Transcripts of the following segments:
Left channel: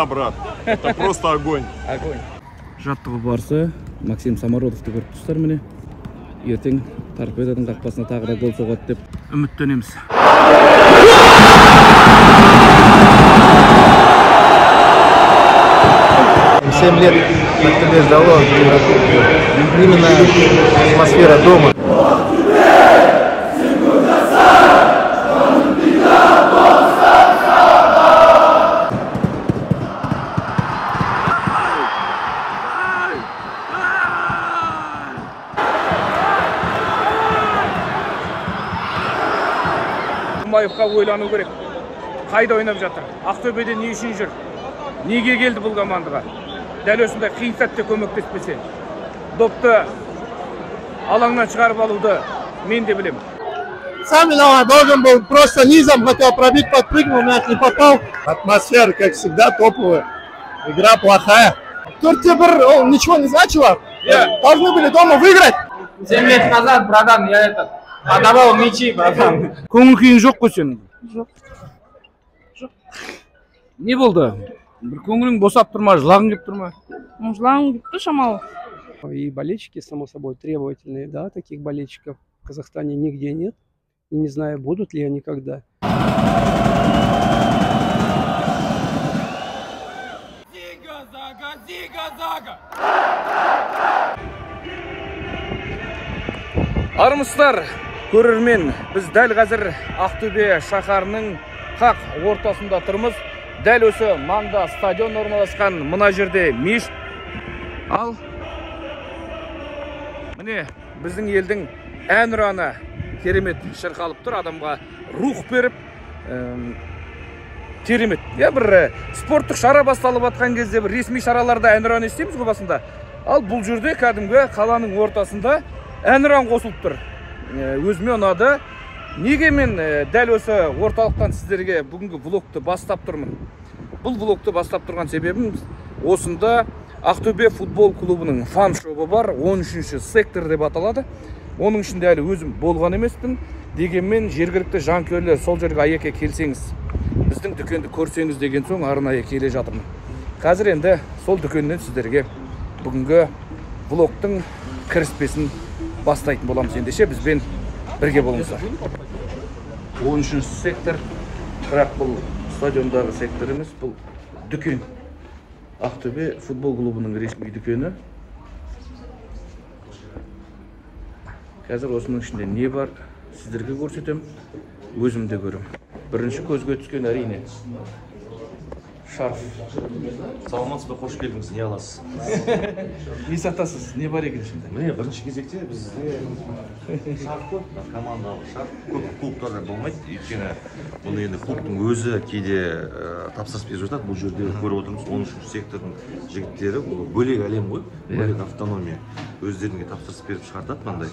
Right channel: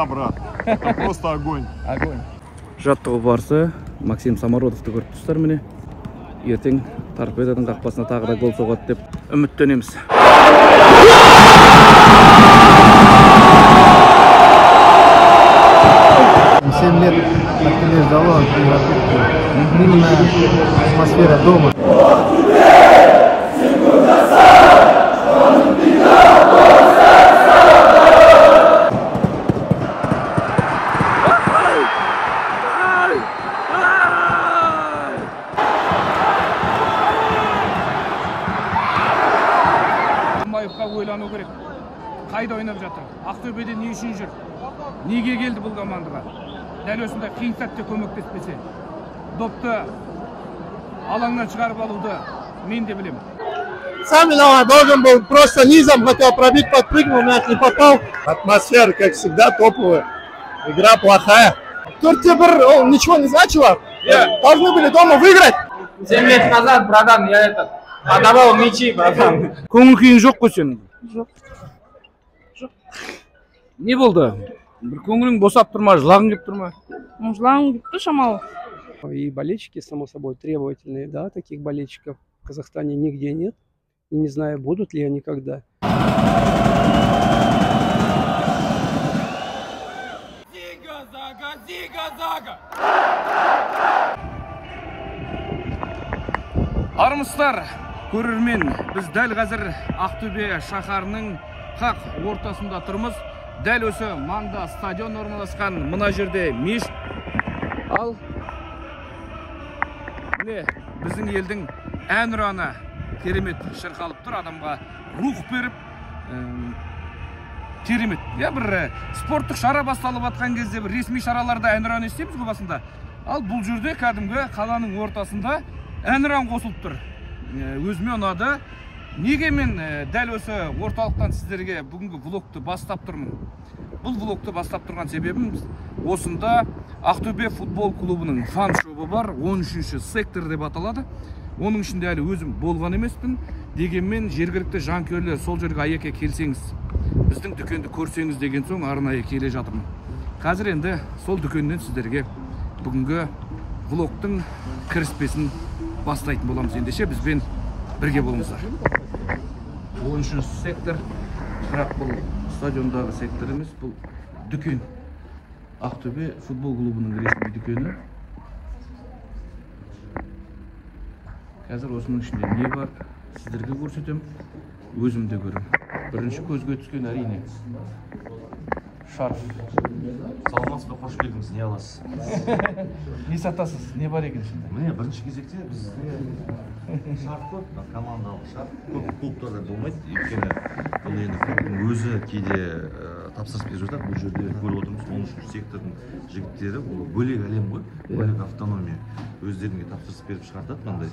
Да, брат, это просто огонь. Огонь. Жаттығу барысы Максим Самородовты көріп тұстар міне. Ертең торпеданың қақпасына тағы да гол соғады деп үміттенеміз. 7 лет как-то ждало именно атмосфера дома. Маевқа ойлану керек. Қайда ойнап жатыр? Ақтөбеде не үшін жүр? Неге келді бұл командаға? Дәл осындай қиын сәтте көмектеспесе, допты алаңнан шығарып алуды мен де білем. Сам виноват, должен был просто низом, хотел пробить, подпрыгнул, мяч не попал. Атмосфера, как всегда, топовая. Игра плохая. 4-1 ничего не значило. Должны были дома выиграть. 7 лет назад, братан, я подавал мячи, братан. Көңіл жоқ қой сен? Жоқ. Не болды? Bir көңілің босап тұрма, жылағың келіп тұрма? Жылағың келіп тұр шамалы. И болельщики, само собой, требовательные, да, таких болельщиков в Казахстане нигде нет. И не знаю, будут ли они когда. Армысыздар, көрермен, біз дәл қазір Ақтөбе шаһарының қақ ортасында тұрмыз. Дәл осы маңда стадион орналасқан, мына жерде мешіт. Ал міне біздің елдің әнұраны керемет шырқалып тұр, адамға рух беріп, керемет. Бір спорттық шара басталып атқан кезде бір ресми шараларда әнұран естеміз ғой басында. Ал бұл жерде кәдімгі қаланың ортасында әнұран қосылып тұр. Өзіме ұнады. Неге мен дәл осы орталықтан сіздерге бүгінгі влогты бастап тұрмын? Бұл влогты бастап тұрған себебім осында Ақтөбе футбол клубының фан шобы бар, 13-ші сектор деп аталады. Оның ішінде әлі өзім болған емеспін. Дегенмен жергілікті жанкүйерлер сол жерге аяққа келсеңіз, біздің дүкенді көрсеңіз деген соң арнайы келе жатырмын. Қазір енді сол дүкеннен сіздерге бүгінгі влогтың кіріспесін бастайтын боламыз. Ендеше бізбен бірге болыңыздар. 13-ші сектор, бірақ бұл стадиондағы сектор емес, бұл дүкен. Ақтөбе футбол клубының ресми дүкені. Қазір осының ішінде не бар, сіздерге көрсетем, өзімде көрем. Бірінші көзге түскен әрине шарф. Саламатсыз ба, қош келдіңіз, не аласыз? Не сатасыз? Не бар екен ішінде? Міне, бірінші кезекте бізде шарф көп, командалық шарф. Көп клубтарда болмайды. Өйткені енді клубтың өзі кейде тапсырыс беріп жатады. Бұл жерде көріп отырмыз, 13-ші сектордың жігіттері, бұл бөлек әлем ғой, бөлек автономия. Өздеріне тапсырыс беріп шығартады мынандай.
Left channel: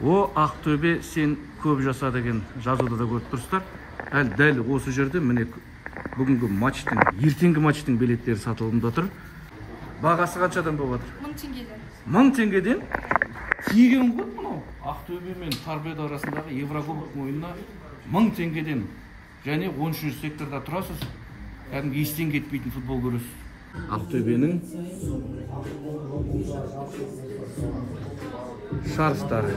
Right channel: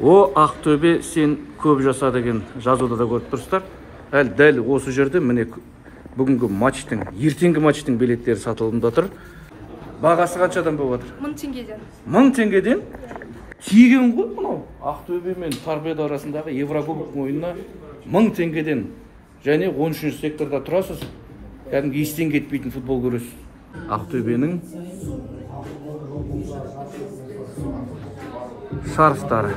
О, Ақтөбе сен көп жаса деген жазуды да көріп тұрсыздар. Дәл осы жерде міне бүгінгі матчтың, ертеңгі матчтың билеттері сатылымда тұр. Бағасы қаншадан болып жатыр? 1000 теңгеден. 1000 теңгеден? Тегін ғой мынау. Ақтөбе мен Торпедо арасындағы Еврокубок ойынына 1000 теңгеден және 13-ші секторда тұрасыз. Кәдімгі естен кетпейтін футбол көресіз. Ақтөбенің шарфтары.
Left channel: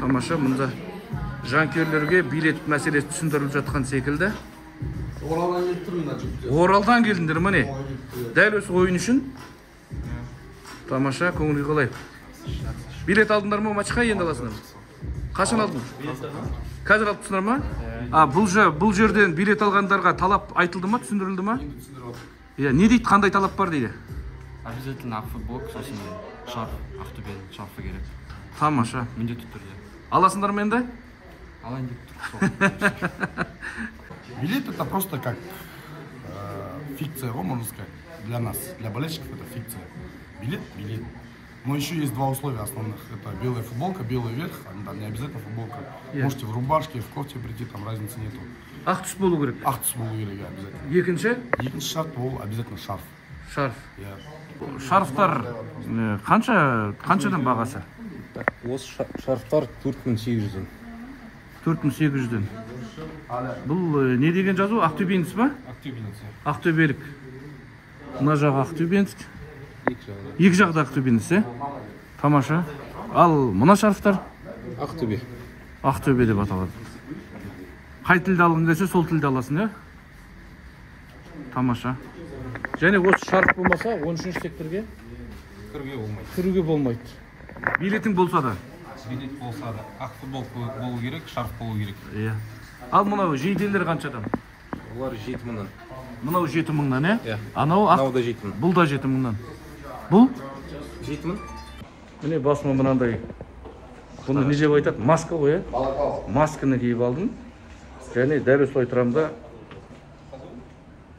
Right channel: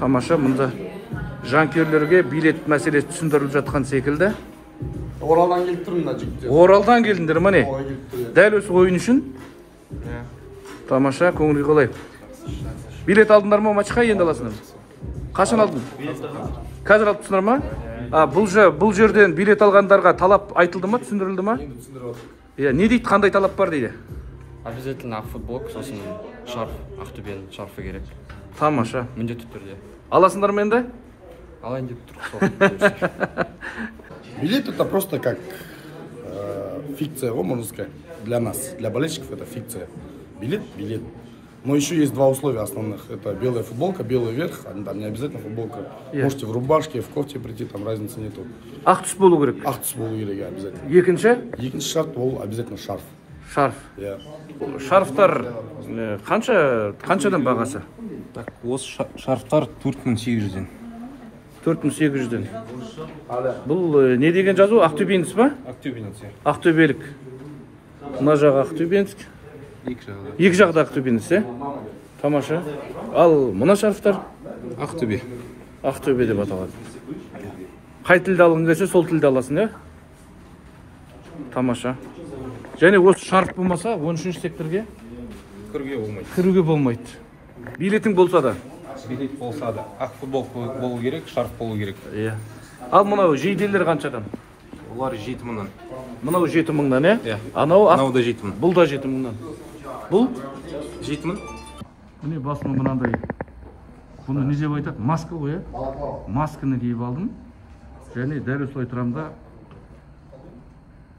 Тамаша, мұнда жанкүйерлерге билет мәселесі түсіндіріліп жатқан секілді. Оралдан келіп тұрмын да жігіттер. Оралдан келдіңдер ме не? Дәл осы ойын үшін? Тамаша, көңілге қалай? Билет алдыңдар ма матчқа, енді аласыңдар? Қашан алдың? Қазір алып тұрсыңдар ма? Бұл жерден билет алғандарға талап айтылды ма, түсіндірілді ма? Не дейді, қандай талап бар дейді? Обязательно ақ футболка, сосын шарф, Ақтөбенің шарфы керек. Тамаша. Міндетті түрде. Аласыңдар ма енді? Алайын деп тұр. Билет это просто как фикция, можно сказать, для нас, для болельщиков это фикция. Билет. Но еще есть два условия основных. Это белая футболка, белый верх, там не обязательно футболка. Можете в рубашке, в кофте прийти, там разницы нету. Ақ түс болу керек? Ақ түс болу керек, обязательно. Екінші шарт ол обязательно шарф. Шарф. Шарфтар қаншадан бағасы? Осы шарфтар 4800-ден. 4800-ден. Бұл не деген жазу? Ақтөбеніс ба? Ақтөбеніс. Ақтөбелік. Мына жағы Ақтөбенск. Екі жақта Ақтөбеніс, Тамаша. Ал мына шарфтар? Ақтөбе. Ақтөбе деп аталады. Қай тілді алғың келсе, сол тілді аласың, Тамаша. Және осы шарф болмаса, 13-ші секторге кіруге болмайды. Билетің болса да? Билет болса да. Ақ футболка болу керек, шарф болу керек. Ал мынау жейделер қаншадан? Олар 7000-нан. Мынау 7000-нан, Анау да 7000. Бұл да 7000-нан. Бұл? 7000. Міне басыма мынандай. Бұны не жеп айтады? Маска ғой, Масканы киіп алдым. Және дәл осылай тұрамда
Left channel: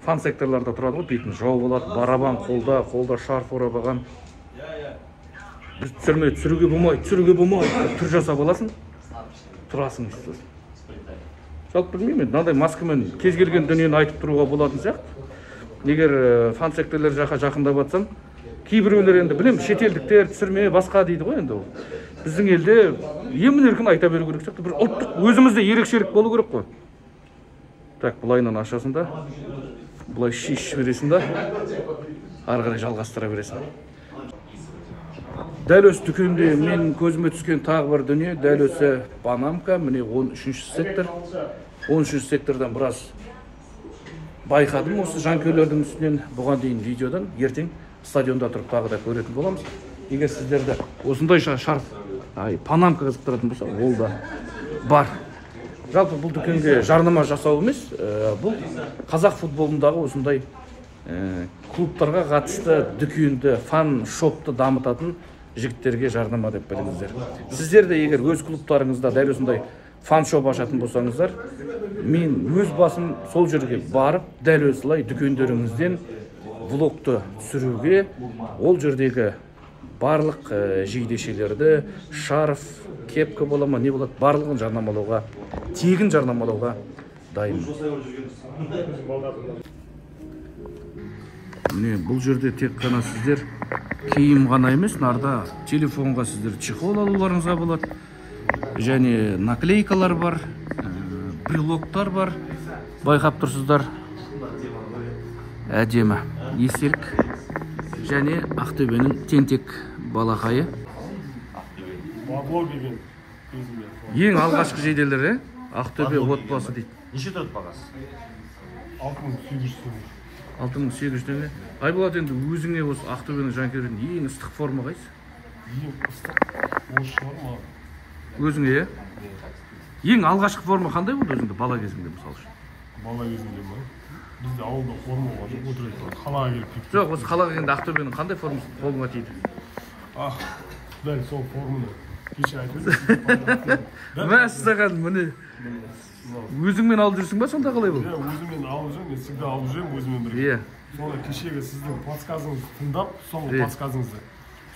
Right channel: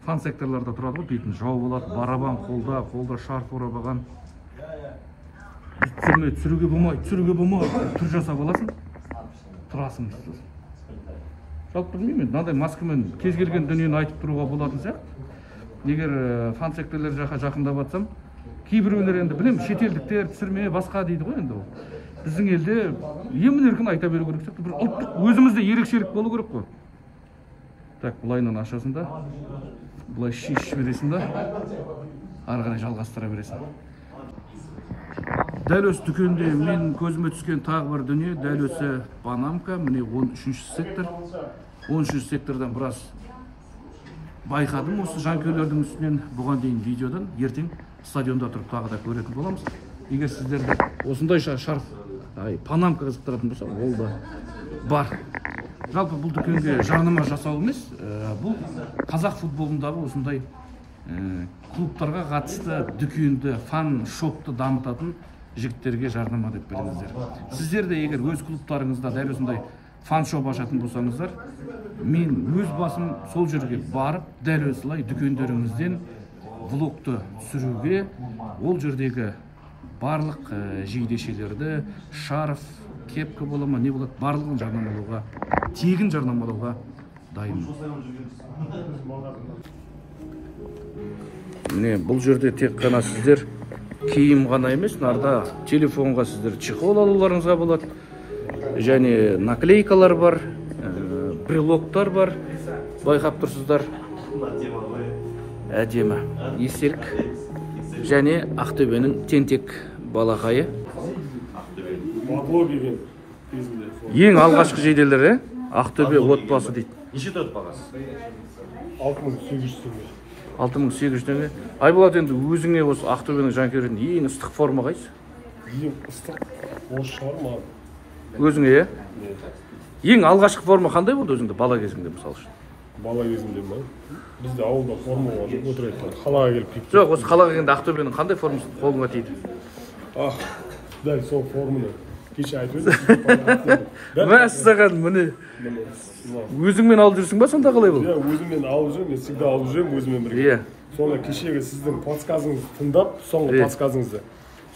фан секторларда тұрады ғой, бетін жау болады, барабан қолда шарф орап алған. Біз түсіруге болмайды, түр жасап аласың, тұрасың істесің. Жалпы білмеймін, мынандай маскамен кез келген дүниені айтып тұруға болатын сияқты. Егер фан секторлар жаққа жақындап батсам, кейбіреулер енді білем, шетелдіктер түсірме басқа дейді ғой енді ол. Біздің елде емін-еркін айта беру керек сияқты, бір ұлттық өзімізде ерекшелік болу керек қой. Так, бұлайынан ашасың да, бұлай шешіп бересің да, ары қарай жалғастыра бересің. Дәл осы дүкенде мен көзіме түскен тағы бір дүние, дәл осы Панамка, міне 13-ші сектор. 13-ші сектордан біраз байқадым осы жанкөйлердің үстінен, бұған дейін видеодан, ертең стадионда тұрып тағы да көретін боламыз. Егер сіздерді осындай шарф, Панамка қызықтыратын болса, ол да бар. Жалпы бұл дүкенге жарнама жасау емес, бұл қазақ футболындағы осындай клубтарға қатысты дүкенді, фан шопты дамытатын жігіттерге жарнама деп біліңіздер. Сіздер де егер өз клубтарыңызда дәл осындай фан шоп ашатын болсаңыздар, мен өз басым сол жерге барып, дәл осылай дүкендеріңізден влогты түсіруге, ол жердегі барлық жейдешелерді, шарф, кепка болама, не болады, барлығын жарнамалауға, тегін жарнамалауға дайынмын. Міне, бұл жерде тек қана сіздер киім ғана емес, нарда телефонға сіздер чехол алуларыңызға болады. Және наклейкалар бар, брелоктар бар. Байқап тұрсыздар. Әдемі естелік. Және Ақтөбенің тентек балақайы. Ең алғашқы жейделер, Ақтөбе отбасы дейді. Неше тұрып бағасы? 6800 6800 теңге. Айболат, енді өзіңе осы Ақтөбенің жанкүйерін ең ыстық форма қайсы? Ең ыстық осы шығар маған. Өзіңе, ең алғашқы форма қандай болды өзіңде бала кезіңде мысал үшін? Бала кезімде ма? Бізде ауылда форма бар, жоқ отырайық. Қалаға келіп кетті. Жоқ, осы қалаға келгенде Ақтөбенің қандай формасы қолыңа тиді? Дәл сол форманы кеше айтып едім. Мәссаған, міне. Өзіңмен алып жүрсің ба, сонда қалай бұл? Өзіммен алып жүрмін, мен всегда алып жүрмін өзіммен бірге. Соны кешегі сіздің подсказыңызды тыңдап, соңғы подсказыңызды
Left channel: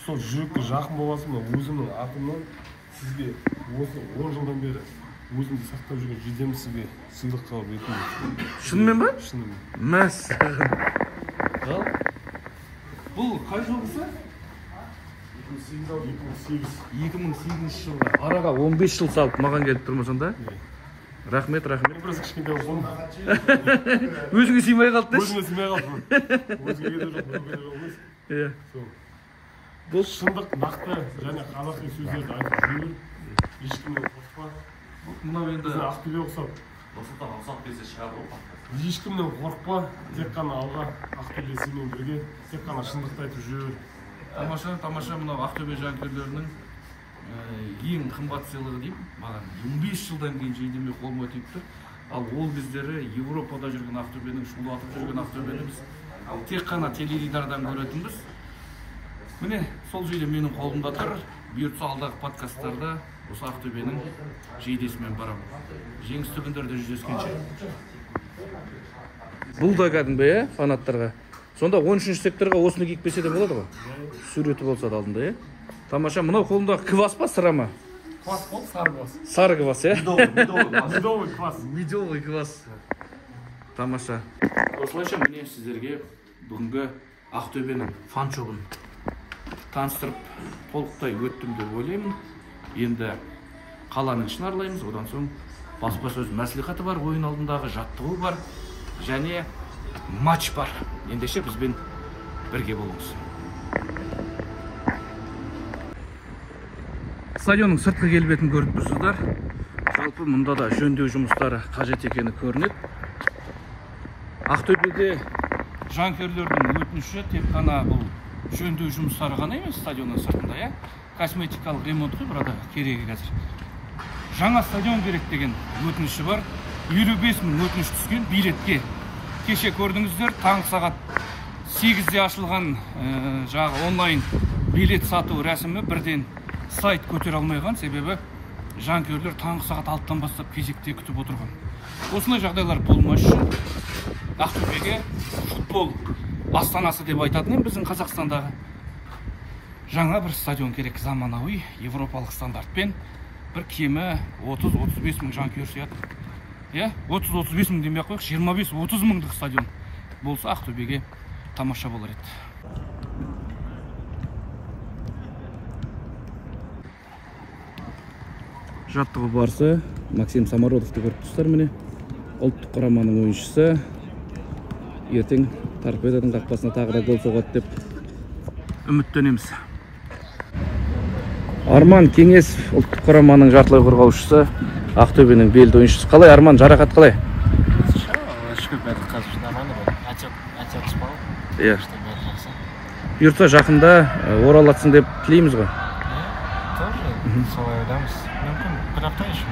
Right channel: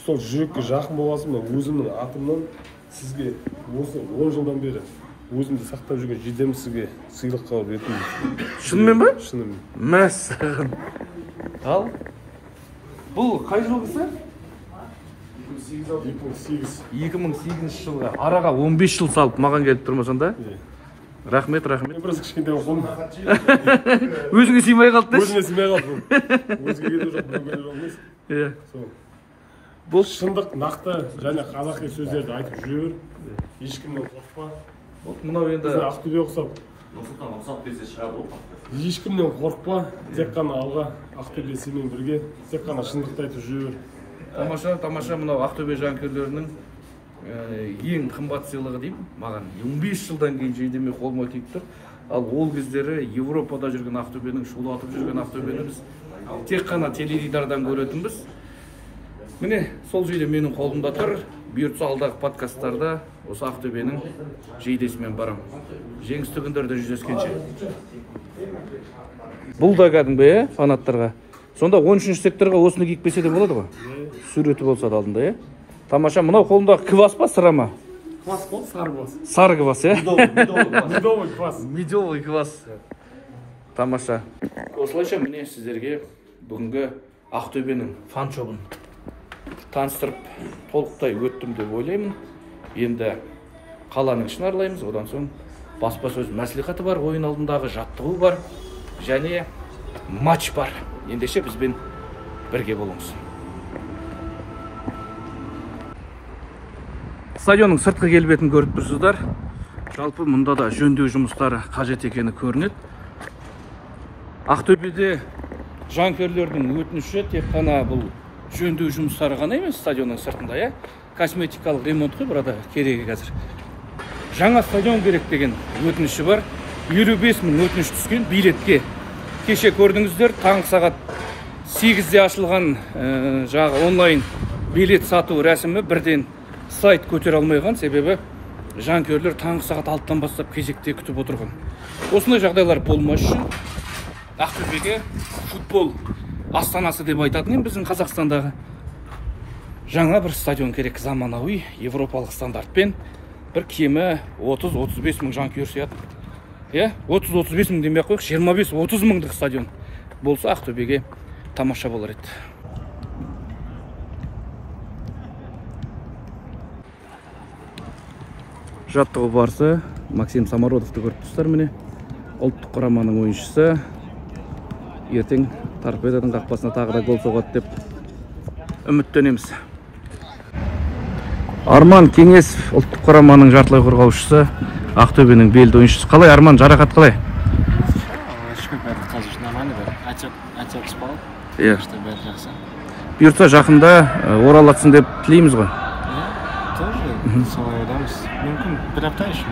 сол жүрекке жақын боласың, мен өзімнің атымнан сізге осы 10 жылдан бері өзімді сақтап жүрген жейдем сізге сыйлыққа ретінде. Шынымен ба? Шынымен. Мәссаған. Ал? Бұл қай жылғысы? 2008 жылға. Араға 15 жыл салып маған келіп тұрмасың да? Рахмет. Біраз кішкентай қолым. Өзіңе сыймай қалды? Өзіңе сыймай қалды. Өзіңе келді жоқ. Бұл шындық, нақты және қазақи сөздерді айтып жүр. Ешкімнен қорықпа. Мынау енді Ақтөбе ұқсап. Ешкімнен қорықпа. Тек қана алға Ақтөбе сенімен бірге. Тек қана шындықты айтып жүр. Тамаша, мынау Ақтөбе жанкүйерлерінің ең қымбат сыйлығы деймін. Маған 15 жылдан кейін жейдеме қолыма тиіп тұр. Ал ол кездері Европада жүрген Ақтөбенің, шулатып жүрген Ақтөбені біз тек қана теледидардан көретінбіз. Міне, сол жейде менің қолымда тұр. Бұйыртса алдағы подкасттарда осы Ақтөбенің жейдесімен барам. Жеңісті күндерде жүздескенше. Бұл да кәдімгі, фанаттарға. Сонда 13-ші секторға осыны киіп келсе де болады ғой? Суреті болса да алдында, Тамаша, мынау қолындағы квас па, сыра ма? Квас бол, сары квас. Сары квас, Медовый квас. Медовый квас. Тамаша. Осылайша міне сіздерге бүгінгі Ақтөбенің фан шобын таныстырып, толықтай өттім деп ойлаймын. Енді қаланың ішін аралаймыз, одан соң баспасөз мәслихаты бар, ойын алдындағы жаттығу бар, және матч бар. Ендеше бізбен бірге болыңыз. Стадионның сыртқы келбетін көріп тұрсыздар. Жалпы мұнда да жөндеу жұмыстары қажет екені көрінеді. Ақтөбеде жанкүйерлердің өтініші тек қана бұл жөндеу жұмыстары ғана емес, стадионның сыртында, косметикалық ремонт қой, burada керегі қазір. Жаңа стадион керек деген өтініші бар. 55 мың өтініш түскен билетке. Кеше көрдіңіздер, таңғы сағат 8-де ашылған жағы онлайн билет сату рәсімі бірден сайт көтер алмайған, себебі жанкүйерлер таңғы сағат 6-тан бастап кезекте күтіп отырған. Осындай жағдайлар болмас үшін Ақтөбеге футбол астанасы деп айтатын біздің Қазақстандағы жаңа бір стадион керек, заманауи европалық стандартпен, бір кемі 30-35 мың жанкүйер сияды. 30-35 мың демей қойық, 25-30 мыңдық стадион болса Ақтөбеге тамаша болар еді. Жаттығу барысы Максим Самородовты көріп тұрсыздар, міне. Ұлттық құраманың ойыншысы. Ертең Торпедоның қақпасына тағы да гол соғады деп үміттенеміз. Арман Кеңесов, ұлттық құраманың жартылай қорғаушысы, Ақтөбенің белді ойыншысы. Қалай, Арман, жарақат қалай? Бұйыртса жақында оралатсын деп тілейміз ғой. Солай ойдамыз. Мүмкін бір апта еще,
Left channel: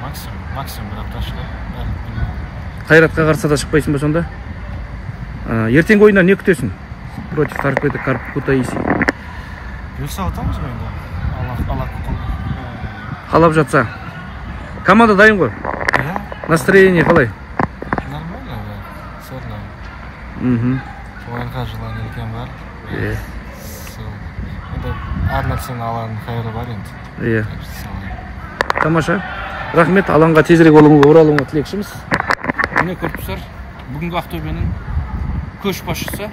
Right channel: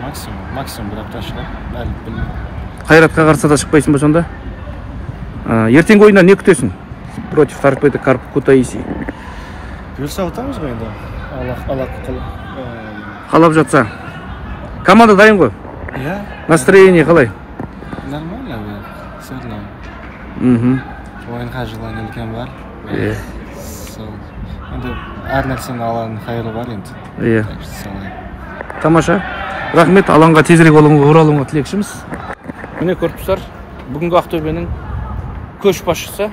максимум бір апта шығар, әлі білмеймін. Қайратқа қарсы да шықпайсың ба сонда? Ертеңгі ойында не күтесің? Против Торпедо Кутаиси. Бұйырса отамыз ғой енді. Аллах құлы. Қалап жатса. Команда дайын ғой? Настроение қалай? Нормально, все равно. Ойынға желание үлкен бар. Әр нәрсені аланың қайыры бар енді. Тамаша. Рахмет, алаңға тезірек оралуыңа тілекшіміз. Міне көріп тұрсыздар, бүгінгі Ақтөбенің көшбасшысы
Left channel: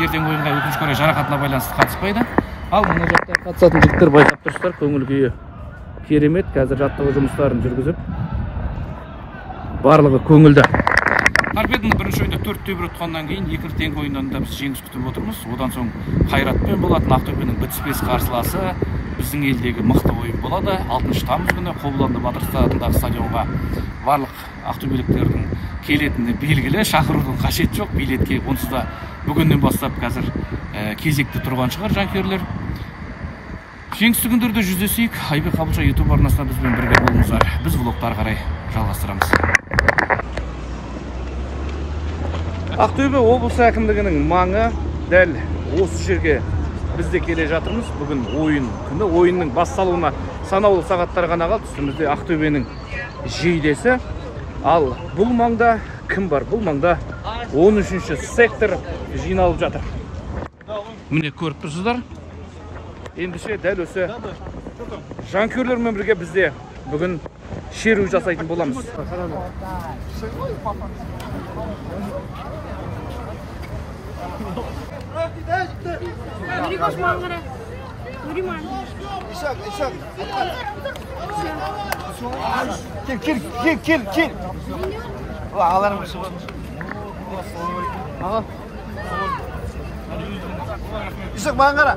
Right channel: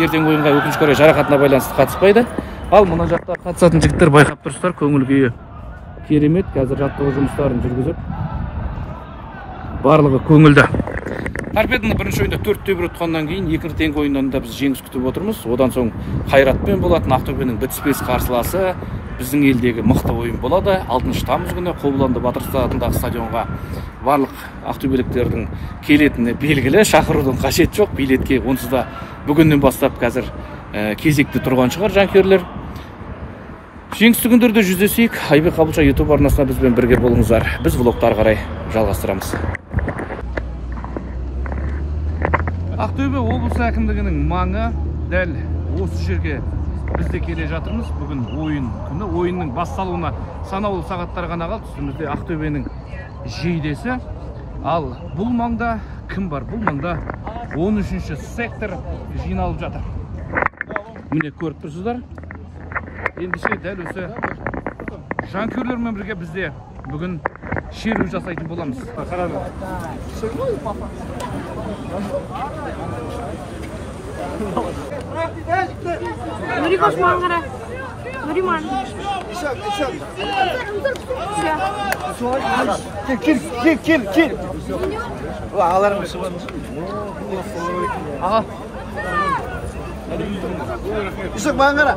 ертең ойынға өкінішке орай жарақатына байланысты қатыспайды. Ал мына жақта қатысатын жігіттер байқап тұрсыздар, көңіл күйі керемет. Қазір жаттығу жұмыстарын жүргізіп, барлығы көңілді. Торпедоны бірінші ойында 4-1 ұтқаннан кейін екінші ойыннан да біз жеңіс күтіп отырмыз. Одан соң Қайратпен болатын Ақтөбенің бітіспес қарсыласы біздің елдегі мықты ойын болады. 6 тамыз күні Қобыланды Батыр атындағы стадионға барлық ақтөбеліктердің келетіні белгілі. Шақырудың қажет жоқ. Билетке онсыз да бүгіннен бастап қазір кезекте тұрған шығар жанкүйерлер. Жеңісті күндерде жүздесейік. Айбек Қабылша YouTube арнасына бізбен бірге болыңыздар. Біз влогтар қарай жалғастырамыз. Ақтөбе облысы әкімдігінің маңы дәл осы жерге бізде келе жатырмыз. Бүгін ойын күні. Ойынның басталуына санаулы сағаттар ғана қалды. Үстімізде Ақтөбенің жейдесі. Ал бұл маңда кім бар? Бұл маңда 13-ші сектор жиналып жатыр. Міне көріп тұрсыздар. Ендеше дәл осы жанкүйерлермен бірге бізде бүгін шеру жасайтын боламыз. Nuri koş mangara. Nuri man. Kil. Ulan alarım. İşte mangara.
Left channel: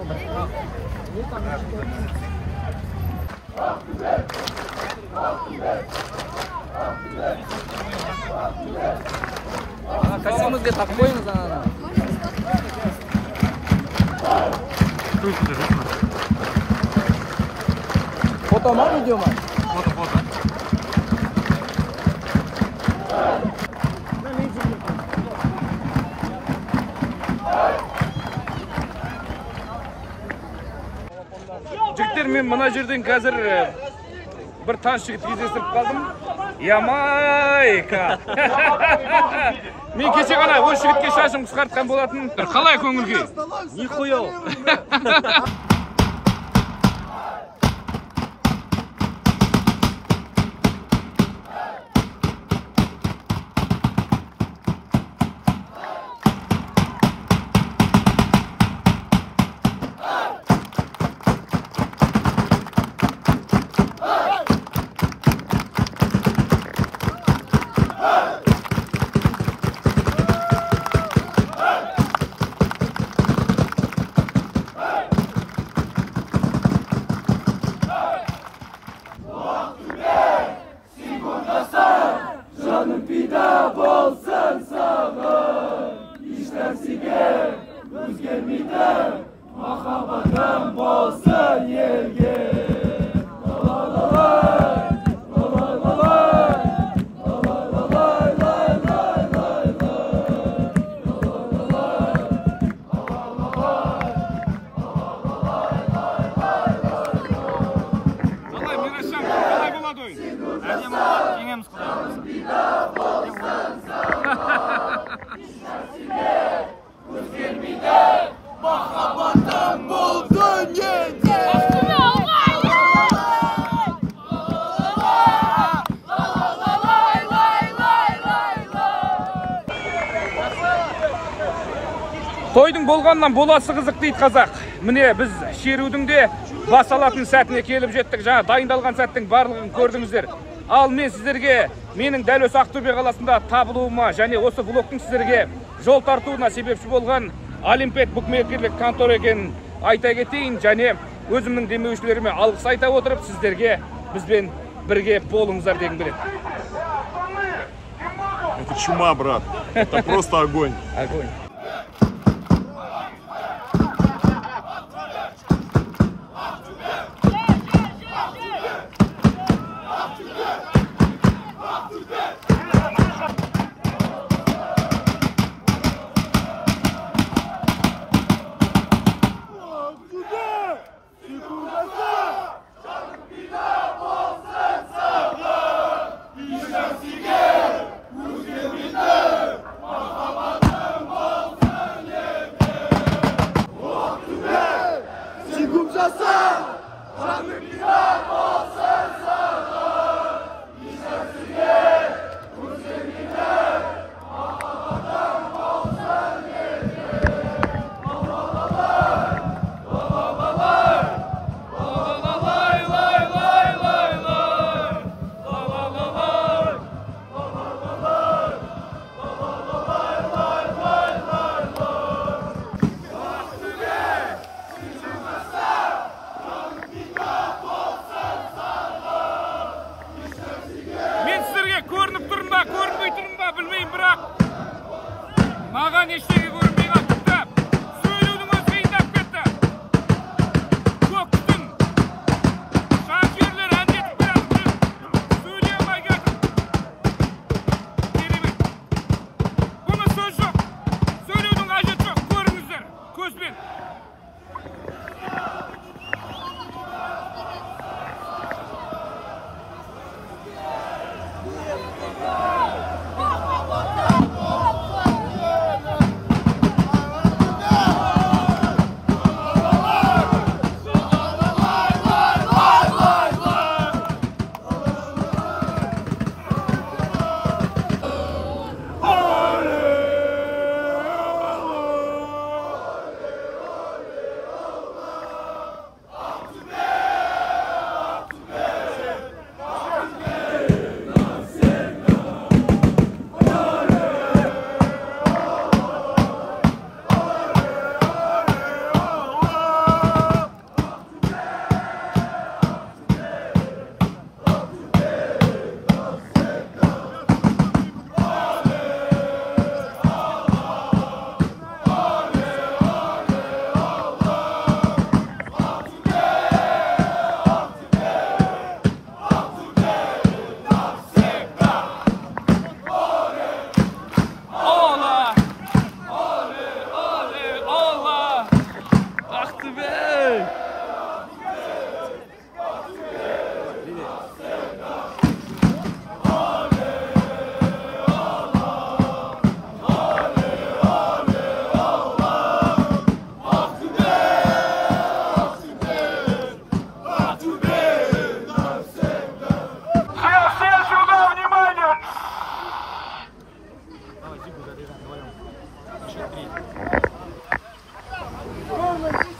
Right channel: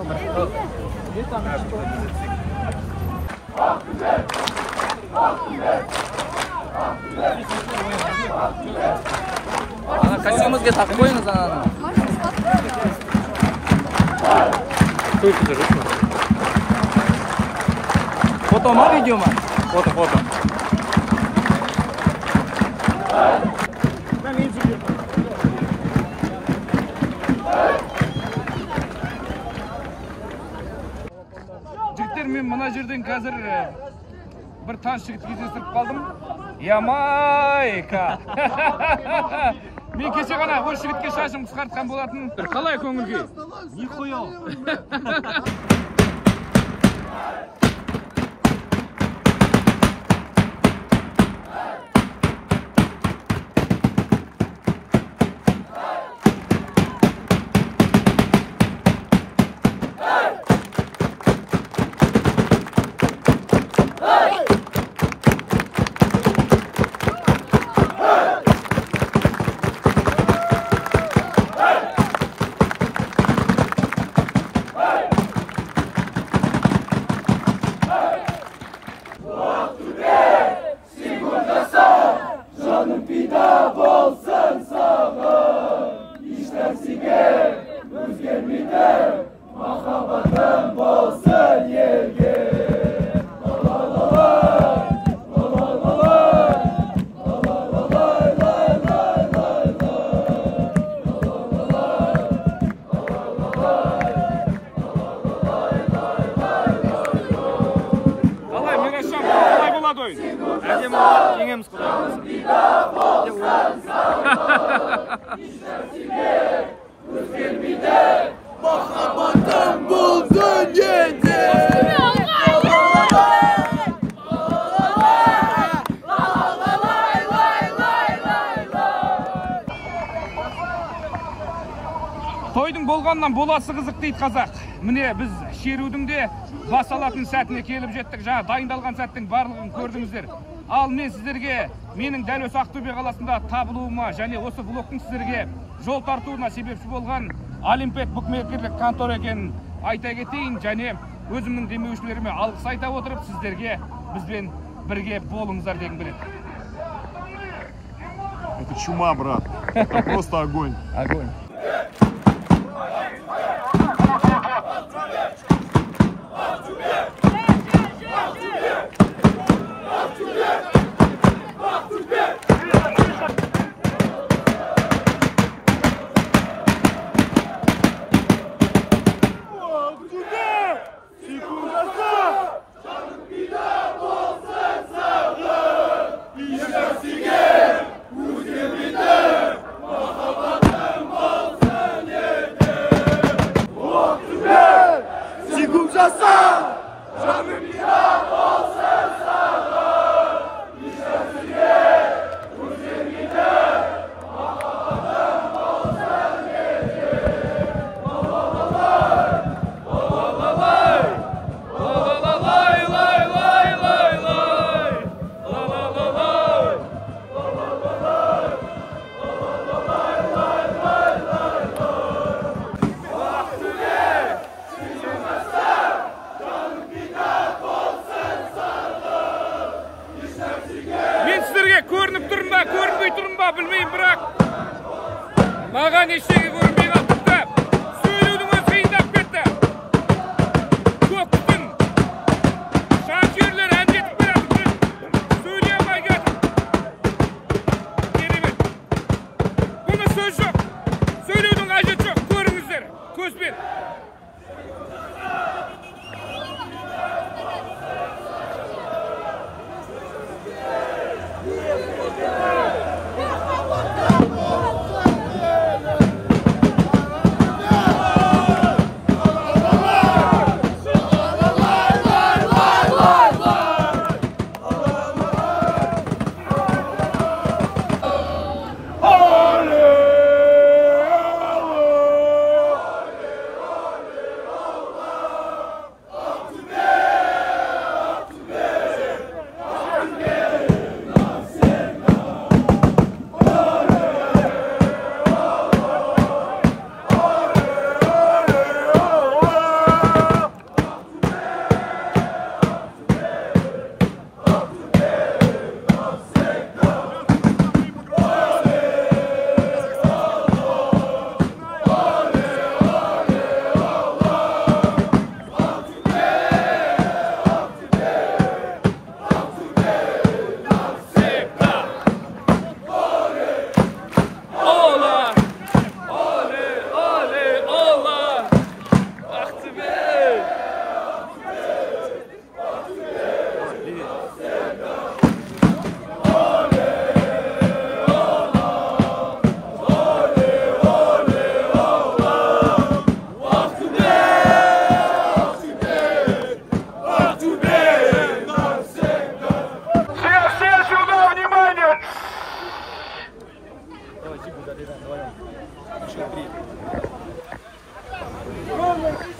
Kaçımız getir, koyunuz anladım. Çok güzel, değil mi? Foto mu, video mu? Foto. Жігіттер, мен мына жерден қазір бір таныс жігіт кездестіріп қалдым. Ямайка! Мен кеше ғана осы жігітке шашым қысқартқан болатын. Қалай көңіл күй? Нихуя. болады ойын? Әдемі болады, жеңеміз құдай Махаббатым бұл дүниеде. Тойдың болғаннан боласы қызық дейді қазақ. Міне біз шерудің де бас алатын сәтіне келіп жеттік. Жаңа дайындалған сәттің барлығын көрдіңіздер. Ал мен сіздерге менің дәл осы Ақтөбе қаласында табылуыма және осы влогтың сіздерге жол тартуына себепші болған Олимпет букмекерлік контора екенін айта кетейін және өзімнің демеушілеріме алғыс айта отырып сіздерге бізбен бірге болыңыздар дегім келеді. Это чума, брат. Это просто огонь. Огонь. Көрініп тұрым ба, көрінбей тұрым ба, білмеймін, бірақ маған ештеңе көрінбей қалыпты. Сөйлеудің өзі қиындап кетті. Көктің жанкүйерлер әндетіп келатыр, сөйлей алмай кетіп. Керемет. Бұны сөз жоқ. Сөйлеудің қажеті жоқ. Көріңіздер көзбен.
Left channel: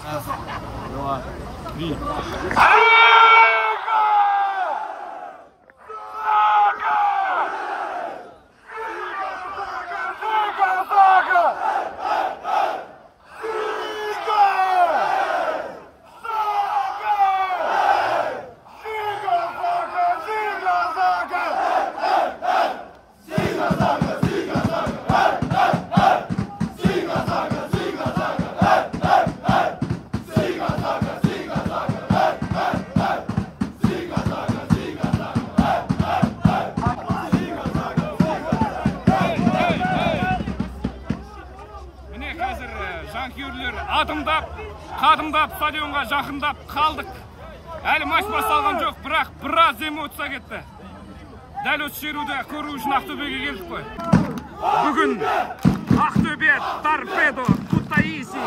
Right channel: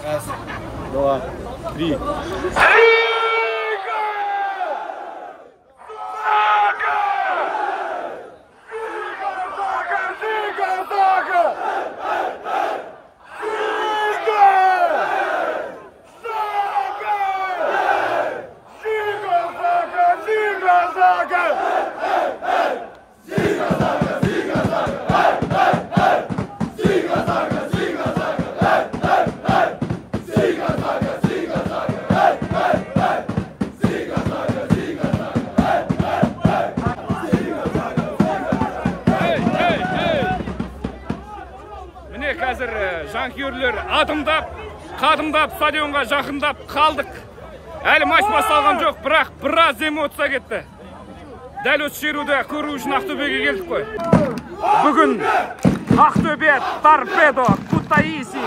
Раз, два, три. Қазір жанкүйерлер адымдап, қадымдап стадионға жақындап қалдық. Әлі матч басталған жоқ, бірақ біраз эмоция кетті. Дәл осы шеруді көру үшін Ақтөбеге келдік қой. Бүгін Ақтөбе, Торпедо, Кутаиси.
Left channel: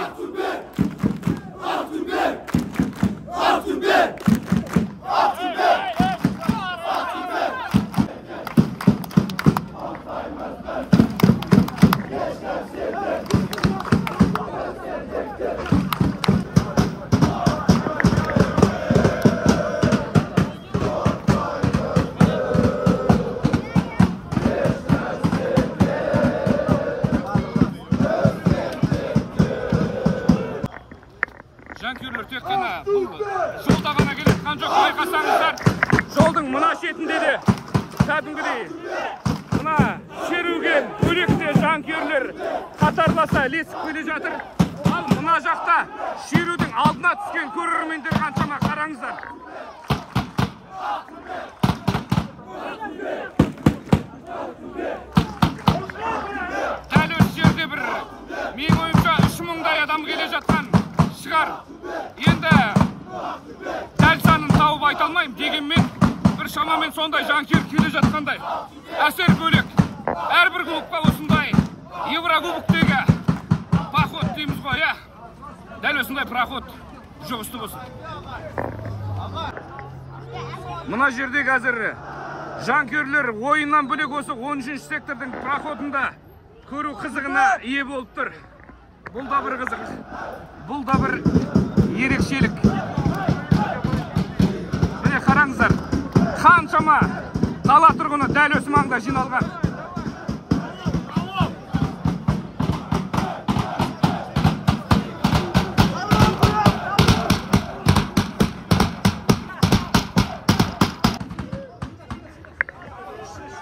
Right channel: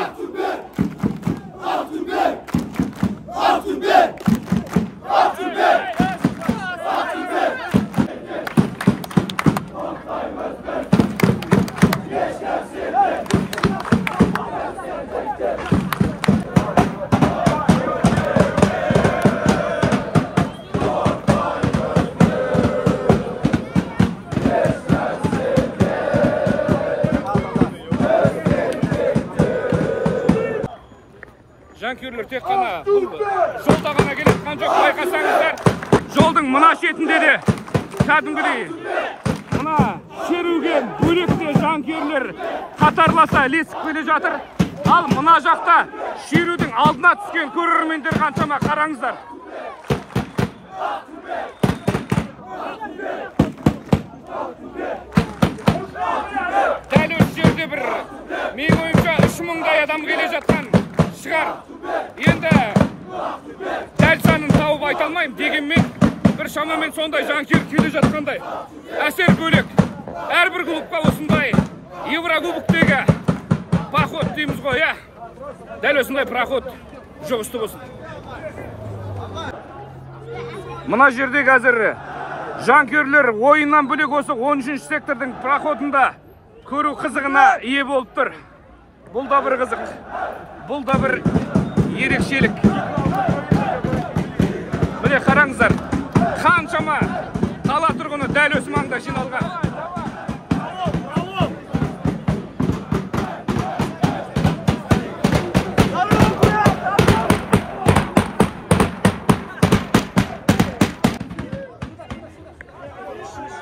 Жанкүйерлер тек қана бұл жолда ғана келетқан жоқ, байқасаңыздар, жолдың мына шетінде де кәдімгідей мына шеруге бөлекте жанкүйерлер қатарласа ілесіп келе жатыр. Ал мына жақта шерудің алдына түскен көрермендер қаншама, қараңыздар. Дәл осы жерде бір менің ойымша 3000-дай адам келе жатқан шығар. Енді дәл санын тауып айта алмаймын, дегенмен бір шамамен сондай жанкүйер келе жатқандай. Әсер бөлек. Әрбір клубқа осындай Еврокубоктегі поход дейміз ғой, иә. Дәл осындай проход жұғысты болсын. Мына жерде қазір жанкүйерлер ойыннан бөлек осы 13-ші сектордың проходында көру қызығына ие болып тұр. Бұл да бір қызық. Бұл да бір ерекшелік. Міне қараңыздар, қаншама қала тұрғыны дәл осы маңда жиналған.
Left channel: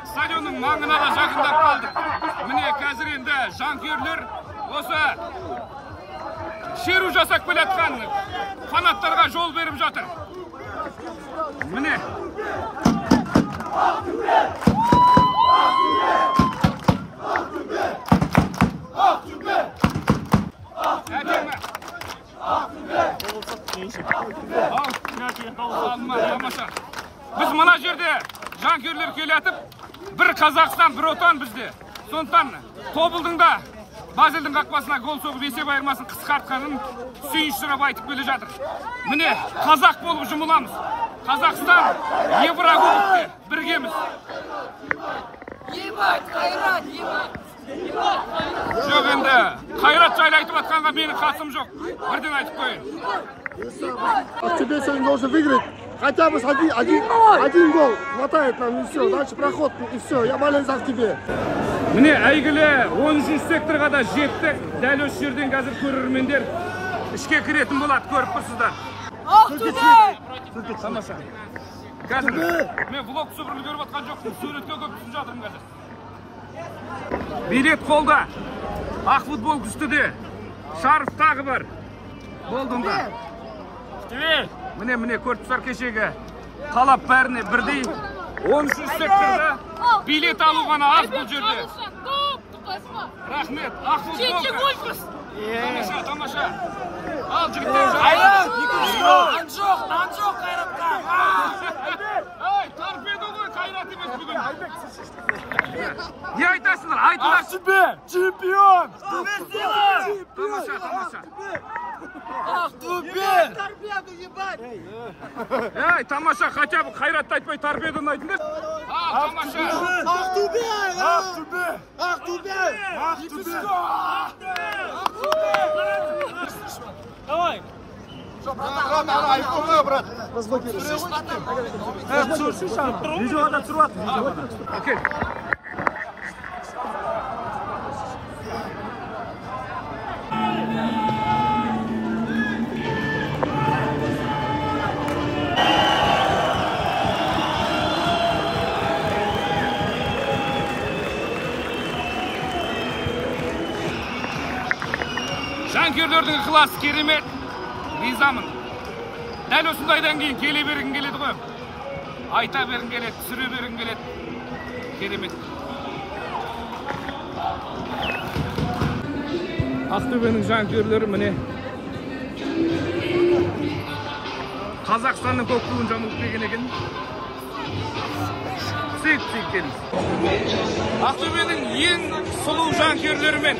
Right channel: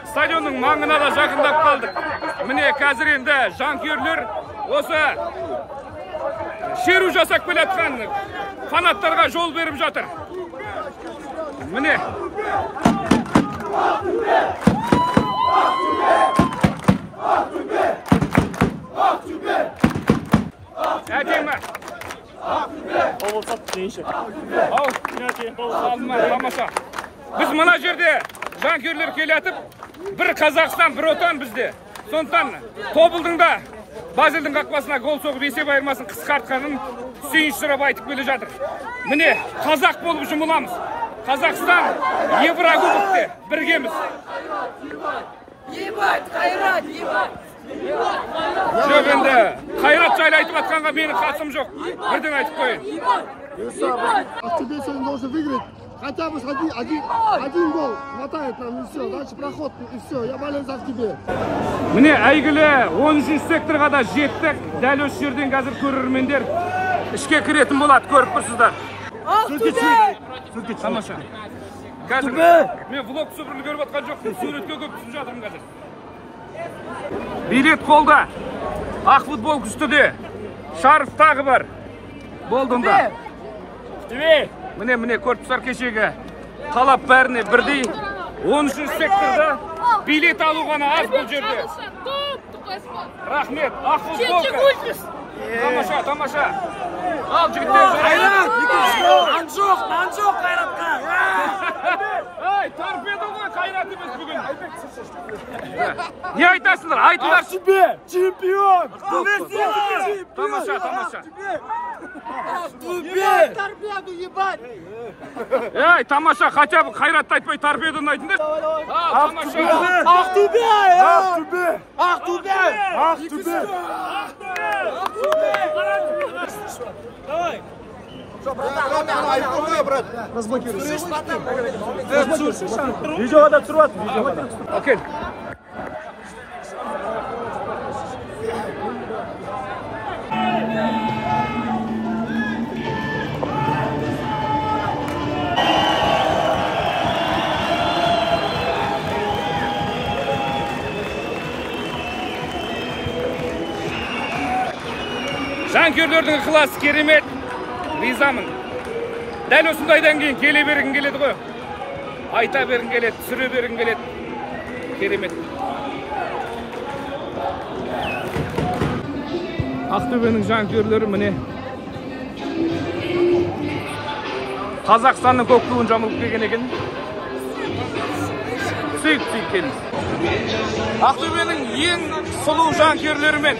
Стадионның маңына да жақындап қалдық. Міне қазір енді жанкүйерлер осы шеру жасап келатқан фанаттарға жол беріп жатыр. Міне. Әдемі. Тамаша. Біз мына жерде жанкүйерлер келетіп, бір Қазақстан, бір отан бізде. Сондықтан Тобылдың да Базелдің қақпасына гол соғып есеп айырмасын қысқартқанын сүйінші сұрап айтып келе жатыр. Міне, қазақ болып жұмыламыз. Қазақстан Еврокубокте біргеміз. Ебать, Қайрат, ебать! Жоқ, енді Қайрат жайлы айтып атқанға менің қатысым жоқ. Бірден айтып қойын. Ақтөбе сегодня должен выиграть. Хотя бы один гол хватает нам, и все. Дальше проход, и все. Я болею за Ақтөбе. Міне, әйгілі 13-ші секторға да жеттік. Дәл осы жерден қазір көрермендер ішке кіретін болады, көріп тұрсыздар. Ақтөбе! Қазір мен влог түсірілі көріп атқан жоқпын, суретке көп түсіп жатырмын қазір. Билет қолда, ақ футбол күстіде, шарф тағы бар. Болдында. Міне көріп тұрсыздар, кешегі талап бәріне бірдей. 13-ші секторда билет алу ғана аз бұл жерде. Рахмет, ақ футболка. Тамаша. Ал жігіттер Қайрат! Нан жоқ Қайратқа! Ай, торпедо ғой, Қайрат емес бүгін. Не айтасыңдар? Айтыңдар. Ақтөбе! Чемпион! Тамаша. Ақтөбе! Торпеду ебать! Ей, тамаша, хотя бы Қайратты айтпай торпедоны айтыңдар. Тамаша. Ақтөбе! Давай. Что, братан, брат? Слышишь, братан? Видеоға да түсіріп атыр, видеоға да. Окей. Жанкүйерлердің ықыласы керемет, ризамын. Дәл осындайдан кейін келе бергің келеді ғой. Айта бергің келеді, түсіре бергің келеді. Керемет. Ақтөбенің жанкүйерлері міне. Қазақстанның көк туын жамылып келген екен. Сүйік келіңіз. Ақтөбенің ең сұлу жанкүйерлерімен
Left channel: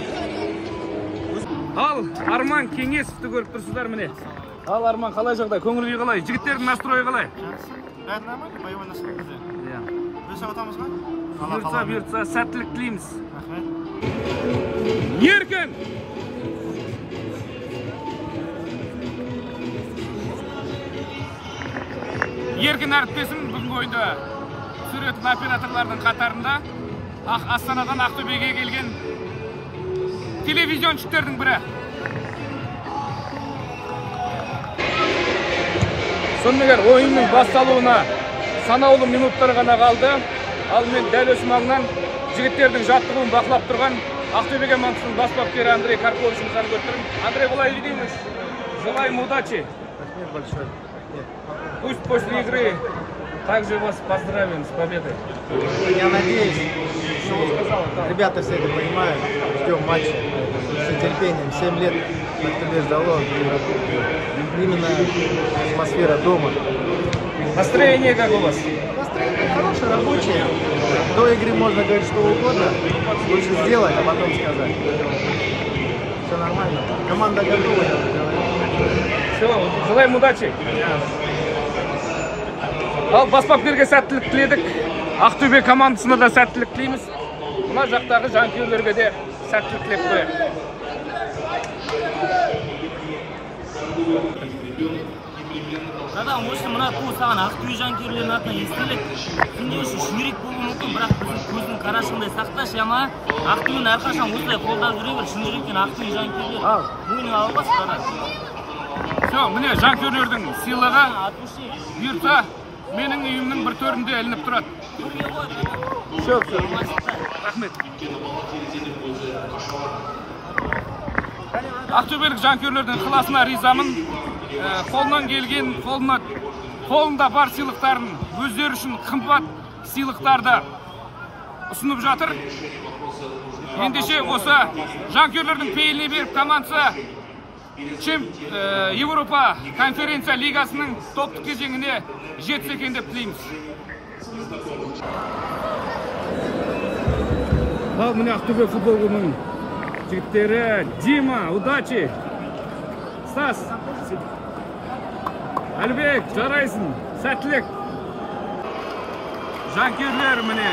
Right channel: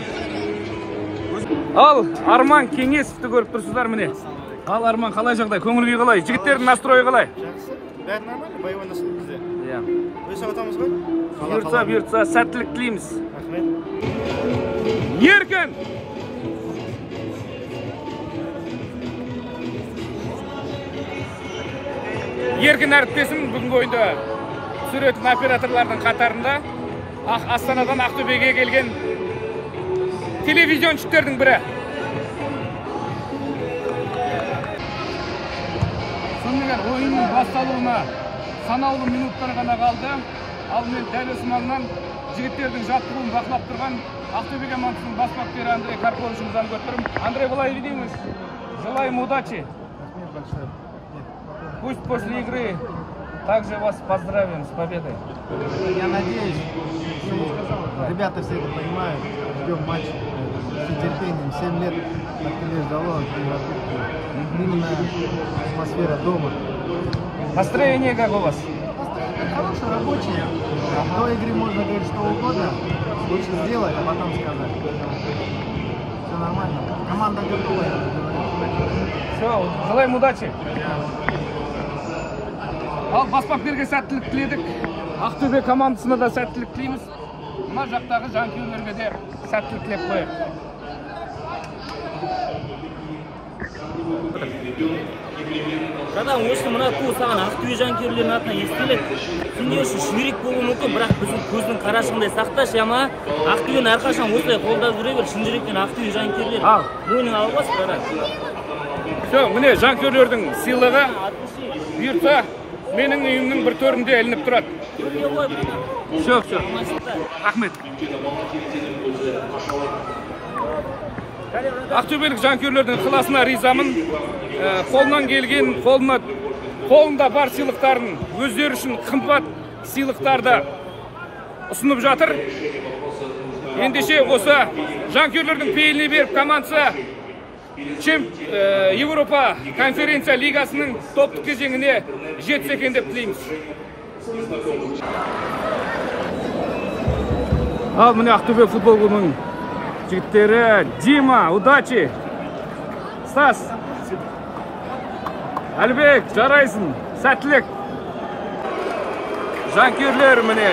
ал Арман Кеңесовті көріп тұрсыздар міне. Ал Арман, қалай жағдай? Көңіл күй қалай? Жігіттердің настройы қалай? Бәрі нормально, боевой настрой бізде. Иә. Өсіп атамыз ғой? Бұйыртса, сәттілік тілейміз. Еркін! Еркін әріптесім бүгінгі ойында түсіретін операторлардың қатарында Астанадан Ақтөбеге келген телевизионщиктердің бірі. Сонымен ойынның басталуына санаулы минуттар ғана қалды. Ал мен дәл осы маңнан жігіттердің жаттығуын бақылап тұрған Ақтөбе командасының бас бапкері Андрей Карповичімізді алып отырмын. Андрей, былай дейміз. Желаем удачи. Пусть после игры также вас поздравим с победой. Я надеюсь, что ребята все это понимают. Ждем матча. С нетерпением. 7 лет Ақтөбе ждало Еврокубки. Именно атмосфера дома. Настроение как у вас? Настроение хорошее, рабочее. До игры можно говорить что угодно. Лучше сделать, а потом сказать. Поэтому все нормально. Команда готова, я уже говорю. Все, желаем удачи. Ал бас бапкерге сәттілік тіледік. Ақтөбе командасына да сәттілік тілейміз. Мына жақтағы жанкүйерлерге де сәттілік тілеп қояйық. Братан, осы мына ту саған Ақтөбе жанкүйерлерінің атынан естелік. Сенде үшін шүмерек болуы мүмкін, бірақ біздің көздің қарашығындай сақташы, ама Ақтөбені әрқашан осылай қолдап жүре бер. Шын жүректен Ақтөбе жанкүйерлер мойныңа алып бас, братан. Все, міне жанкүйерлердің сыйлығы бұйыртса менің үйімнің бір төрінде ілініп тұрады. Все, рахмет. Ақтөбелік жанкүйерлердің ықыласына ризамын. Қолынан келген, қолында бар сыйлықтарын өздері үшін қымбат сыйлықтарды ұсынып жатыр. Ендеше осы жанкүйерлердің пейіліне беріп командасы Европа конференция лигасының топтық кезеңіне жетсе екен деп тілейміз. Ал міне Ақтөбе футбол клубының жігіттері. Дима, удачи! Стас! Әлбек, жарайсың! Сәттілік! Жанкүйерлер міне.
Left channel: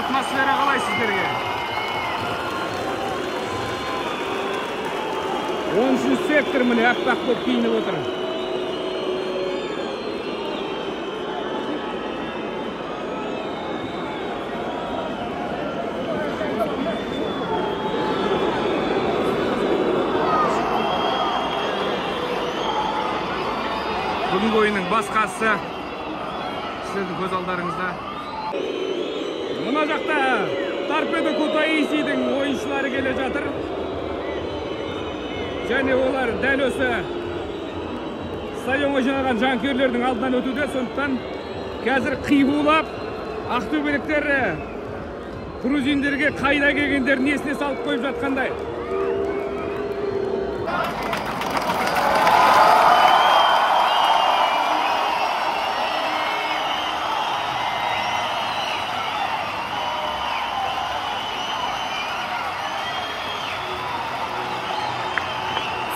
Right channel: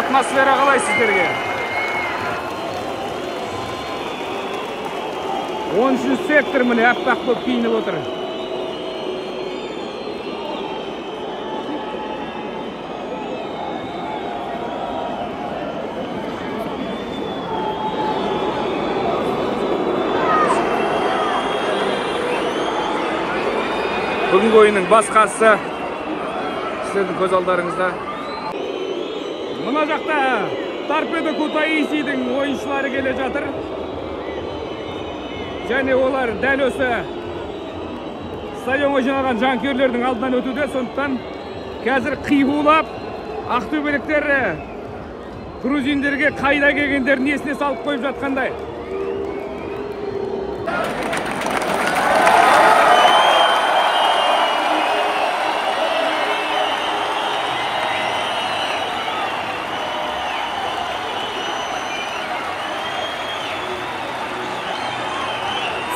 Атмосфера қалай сіздерге? 13 сектор міне ақтақ көп киініп отыр. Бүгінгі ойынның басқасы сіздердің көз алдарыңызда. Мына жақта Торпедо Кутаисидің ойыншылары келе жатыр. Және олар дәл осы стадионға жиналған жанкүйерлердің алдынан өтуде. Сондықтан қазір қиғулап ақтөбеліктер грузиндерге қайда келгендерін есіне салып қойып жатқандай.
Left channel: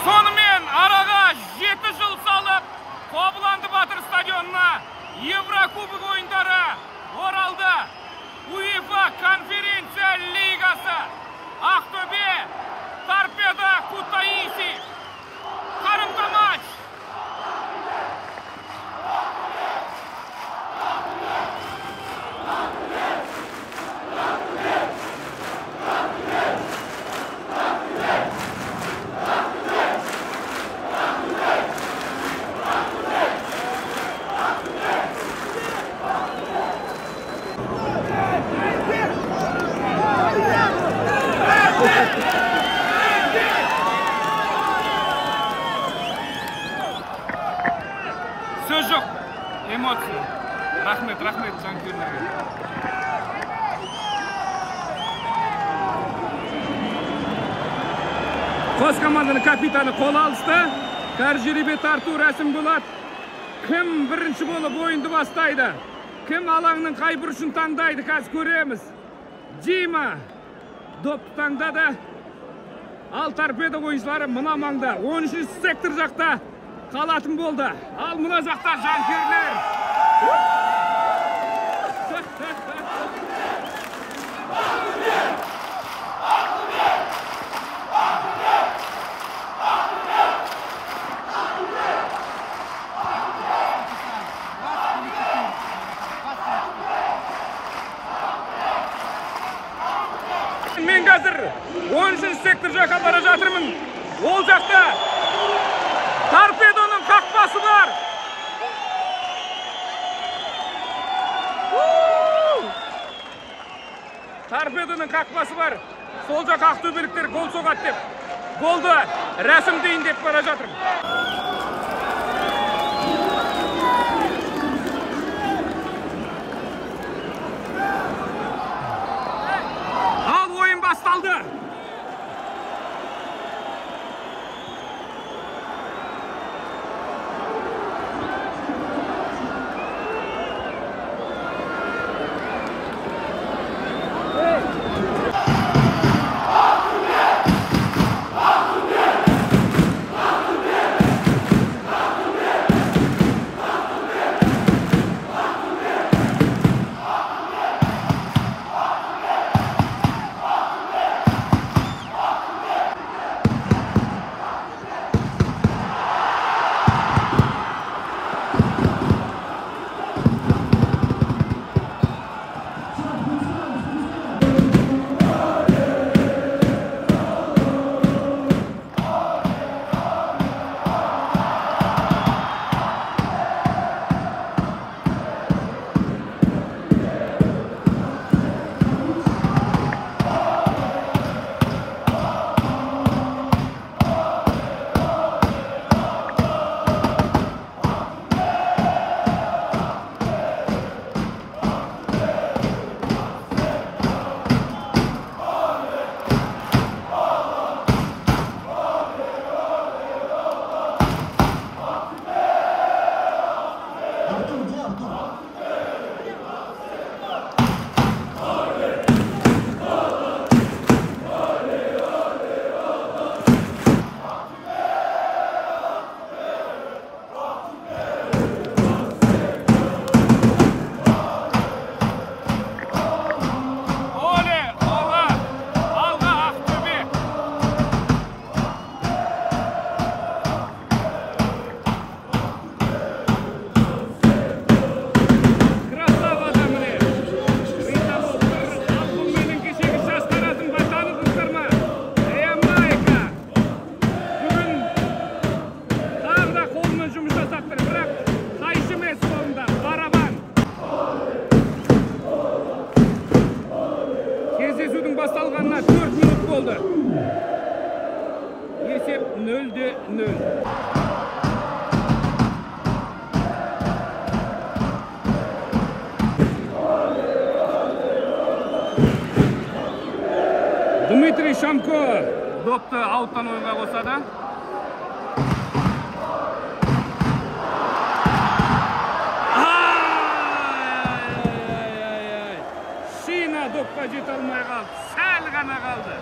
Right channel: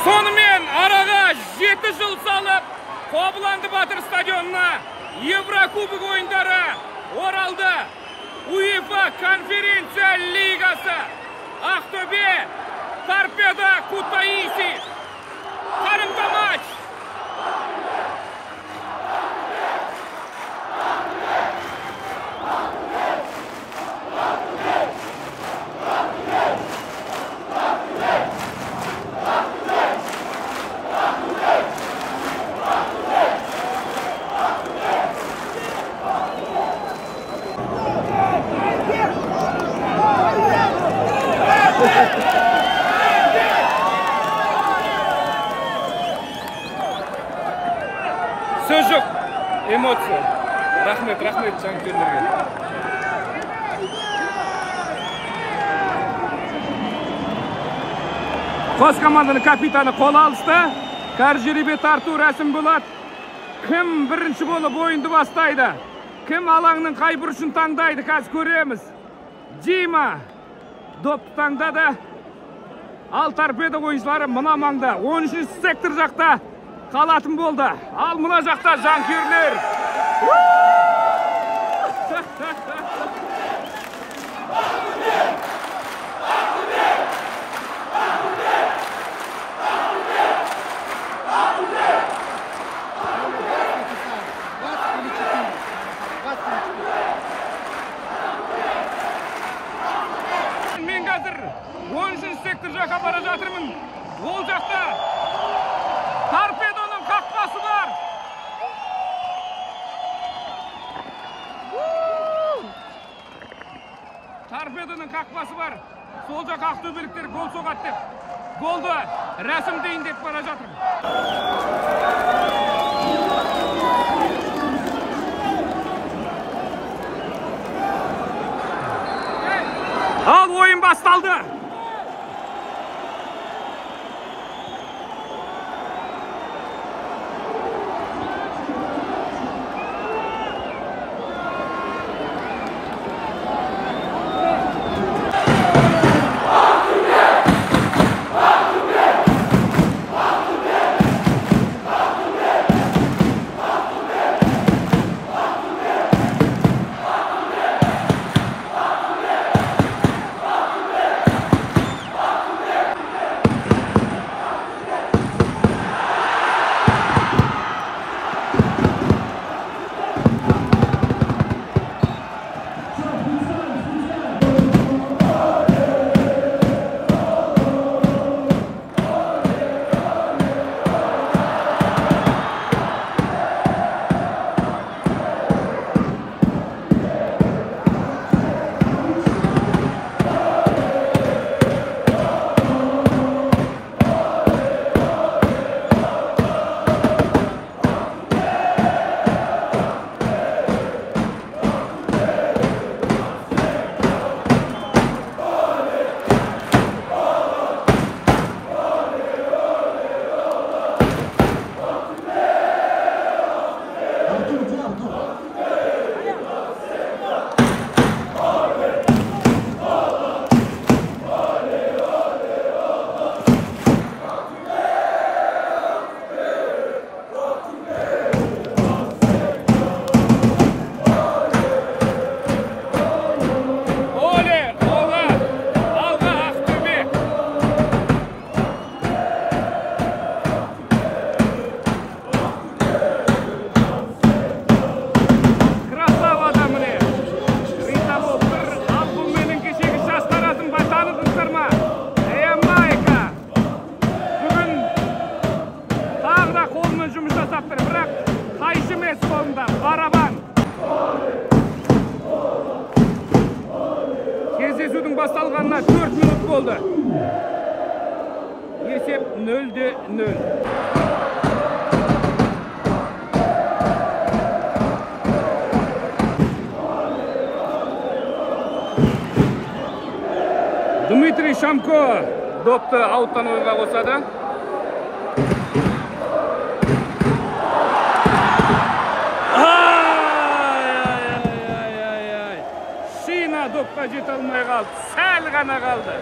Сонымен араға 7 жыл салып, Қобыланды Батыр стадионына Еврокубок ойындары оралды. УЕФА конференция лигасы. Ақтөбе, Торпедо Кутаиси. Қарымта матч. Söz yok. Emosiya. Rahmet жанкүйерлерге. Қос команданың капитаны қол алысты. Тәжірибе тарту рәсім болады. Кім бірінші болып ойынды бастайды? Кім алаңның қай бұрышын таңдайды? Қазір көреміз. Дима допты таңдады. Ал торпедо ойыншылары мына маңда 13-ші сектор жақта қалатын болды. Ал мына жақта жанкүйерлер. Мен қазір 13-ші сектор жаққа бара жатырмын. Ол жақта торпедоның қақпасы бар. Торпедоның қақпасы бар. Сол жақ ақтөбеліктер гол соғады деп. Голды рәсімдейін деп бара жатырмын. Ал ойын басталды. Басталғанына 4 минут болды. Есеп 0-0. Дмитрий Шамко допты ауттан ойынға қосады. Шина допқа жете алмай қалды. Сәл ғана қалды.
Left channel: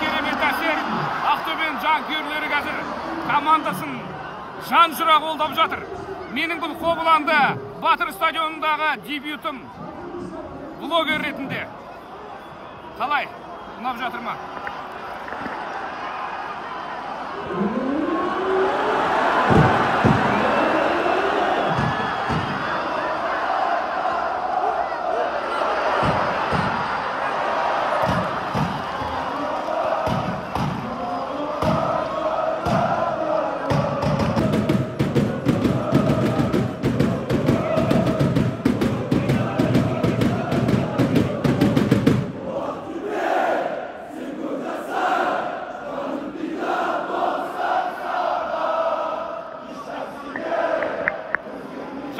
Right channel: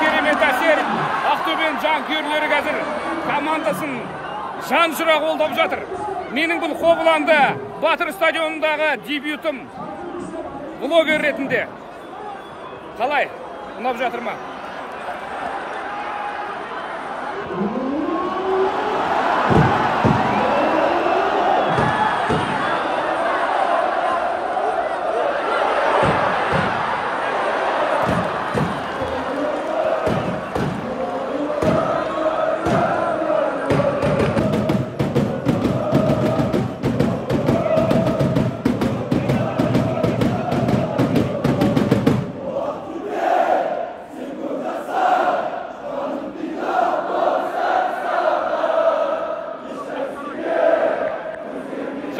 Керемет әсер. Ақтөбенің жанкүйерлері қазір командасын жан жүра қолдап жатыр. Менің бұл Қобыланды Батыр стадионындағы дебютым блогер ретінде. Қалай? Ұнап жатыр ма?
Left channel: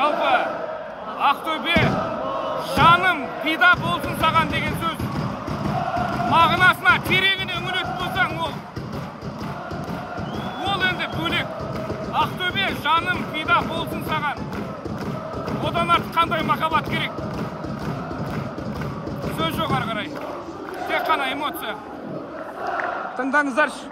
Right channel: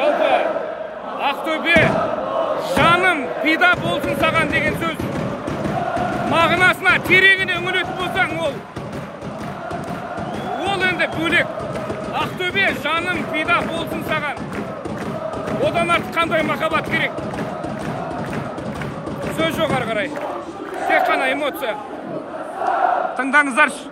Жалпы Ақтөбе жаным пида болсын саған деген сөз мағынасына тереңіне үңілетін болсаң ол енді бөлек. Ақтөбе жаным пида болсын саған. Одан артық қандай махаббат керек? Сөз жоқ ары қарай. Тек қана эмоция. Тыңдаңыздаршы.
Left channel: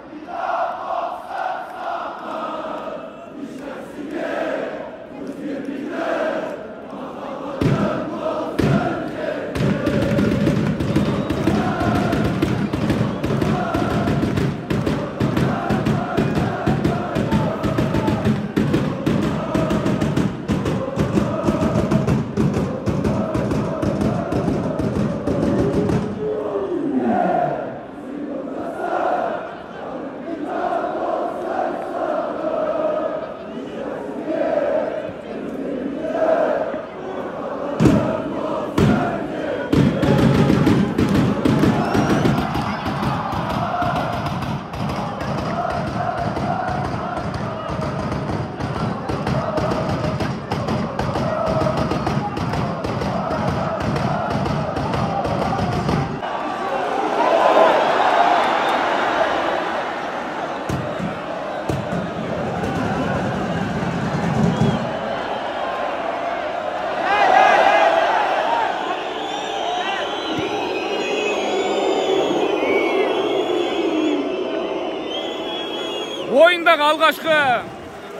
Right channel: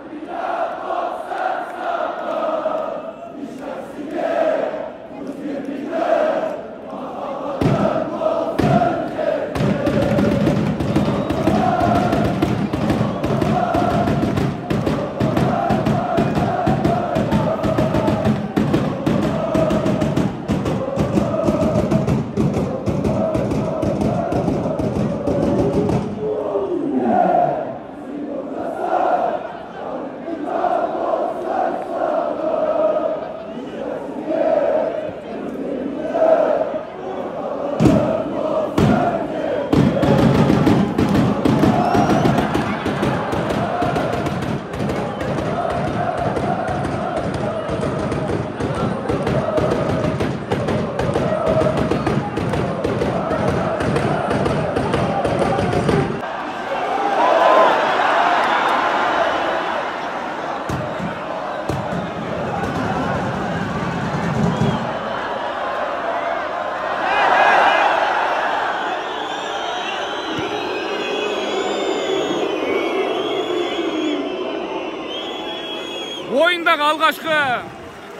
Ойындағы алғашқы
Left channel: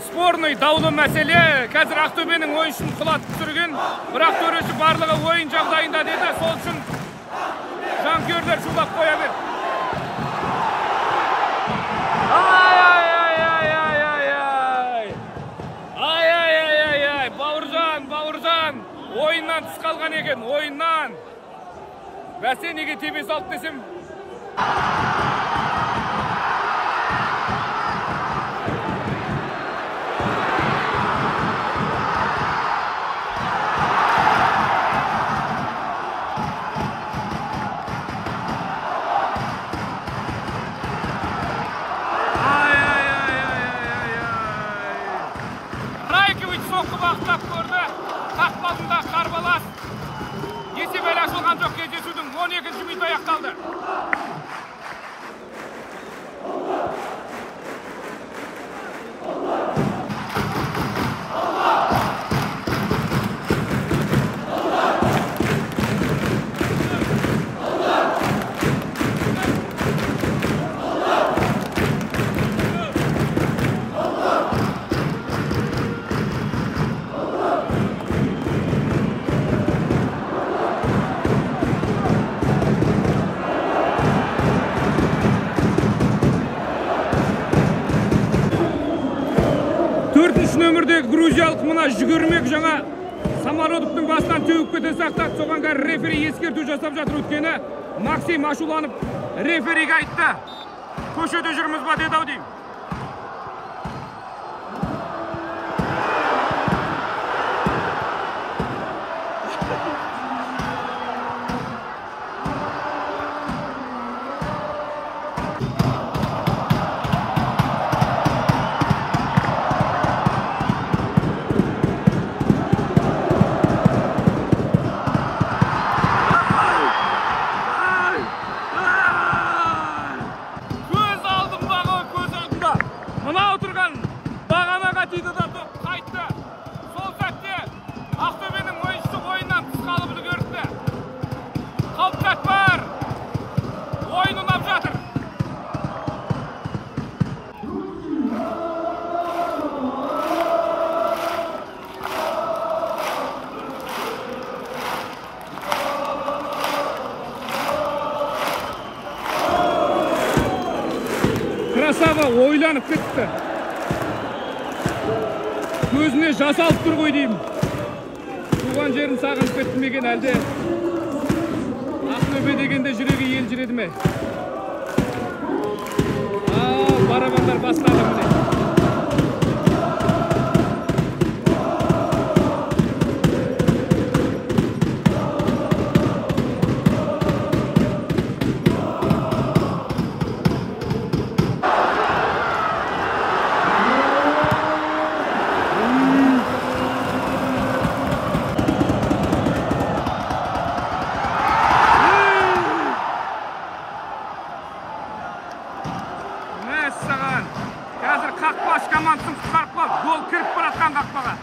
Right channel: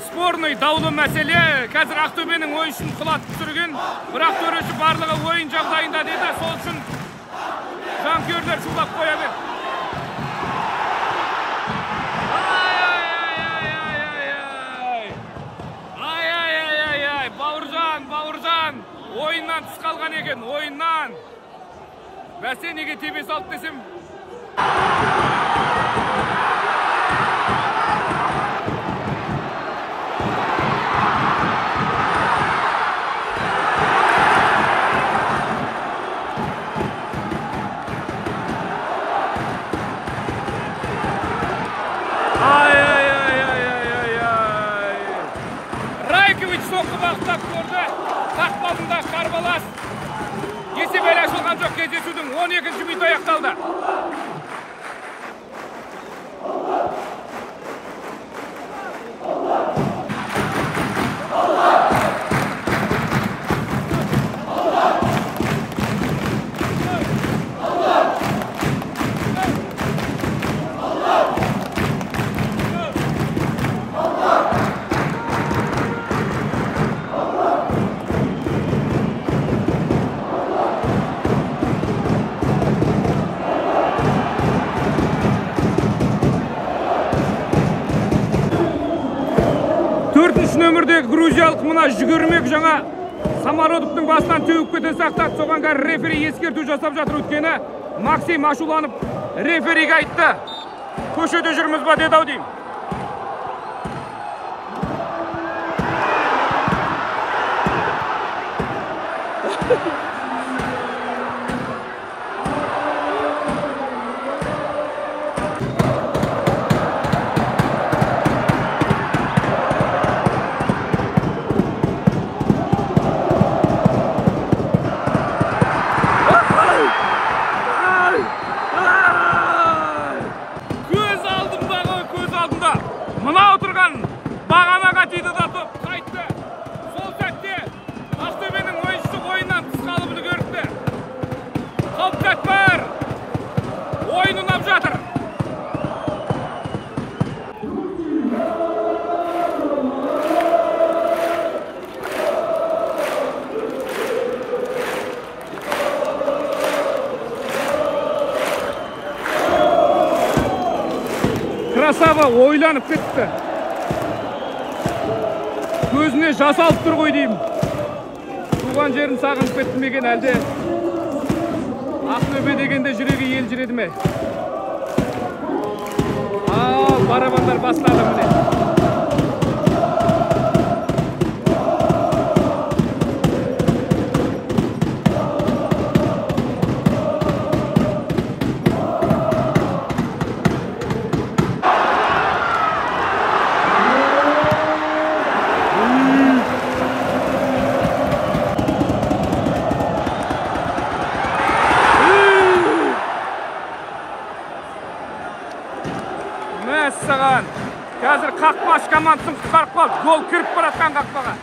спорный даулы мәселе қазір Ақтөбенің ойыншысын құлатып түсірген, бірақ төреші барлығы ойын жағдайында деді, сол үшін жанкүйерлер шулап қоя берді. Бауыржан, ойыннан тыс қалған екен, ойыннан. Бәсе неге тебе салды десем? Райкович соққы бағыттап көрді. Қақпалында қарбалас. Есеп әлі ашылған жоқ, кездесудің 12-ші минуты аяқталды. Нөмірдегі грузиялық мұна жүгірмек жаңа самородовтың басынан төгіп кете сақтады. Соған кәрі рефери ескерту жасап жатыр. Өткені Максим ашуланып рефериге айтты. Көшеде жүрміз ба деді ау деймін. Красава ойланып кетті. Көзіне жас алып тұр ғой деймін. Туған жерін сағынып кетті мекен әлде? Ақтөбе дегенде жүрегі ел жүреді ме? Ал, барабандар бастады міне. командасын құтқарып қалды. Гол кіріп баратқан қақпаға.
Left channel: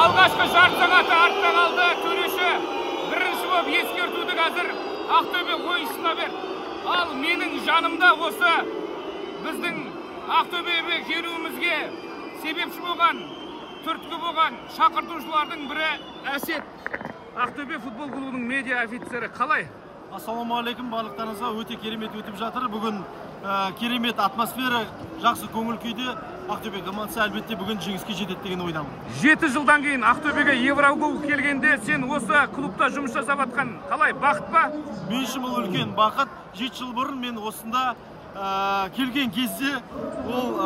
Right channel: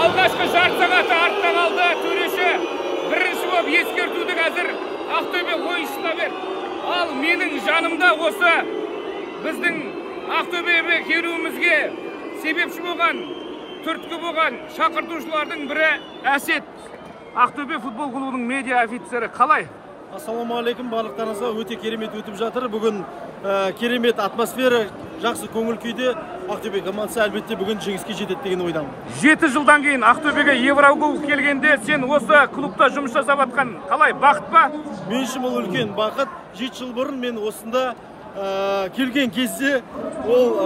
Алғашқы жарты сағаты артта қалды. Төреші бірінші болып ескертуді қазір Ақтөбе ойыншысына берді. Ал менің жанымда осы біздің Ақтөбеге келуімізге себепші болған, түрткі болған шақыртушылардың бірі Әсет. Ақтөбе футбол клубының медиа офицері. Қалай? Ассалаумағалейкум, барлықтарыңызға өте керемет өтіп жатыр. Бүгін керемет атмосфера, жақсы көңіл күйде. Ақтөбе командасы әлбетте бүгін жеңіске жетеді деген ойдамын. 7 жылдан кейін Ақтөбеге Еврокубок келгенде сен осы клубта жұмыс жасап жатқан қалай, бақыт па? Мен үшін бұл үлкен бақыт. 7 жыл бұрын мен осында келген кезде ол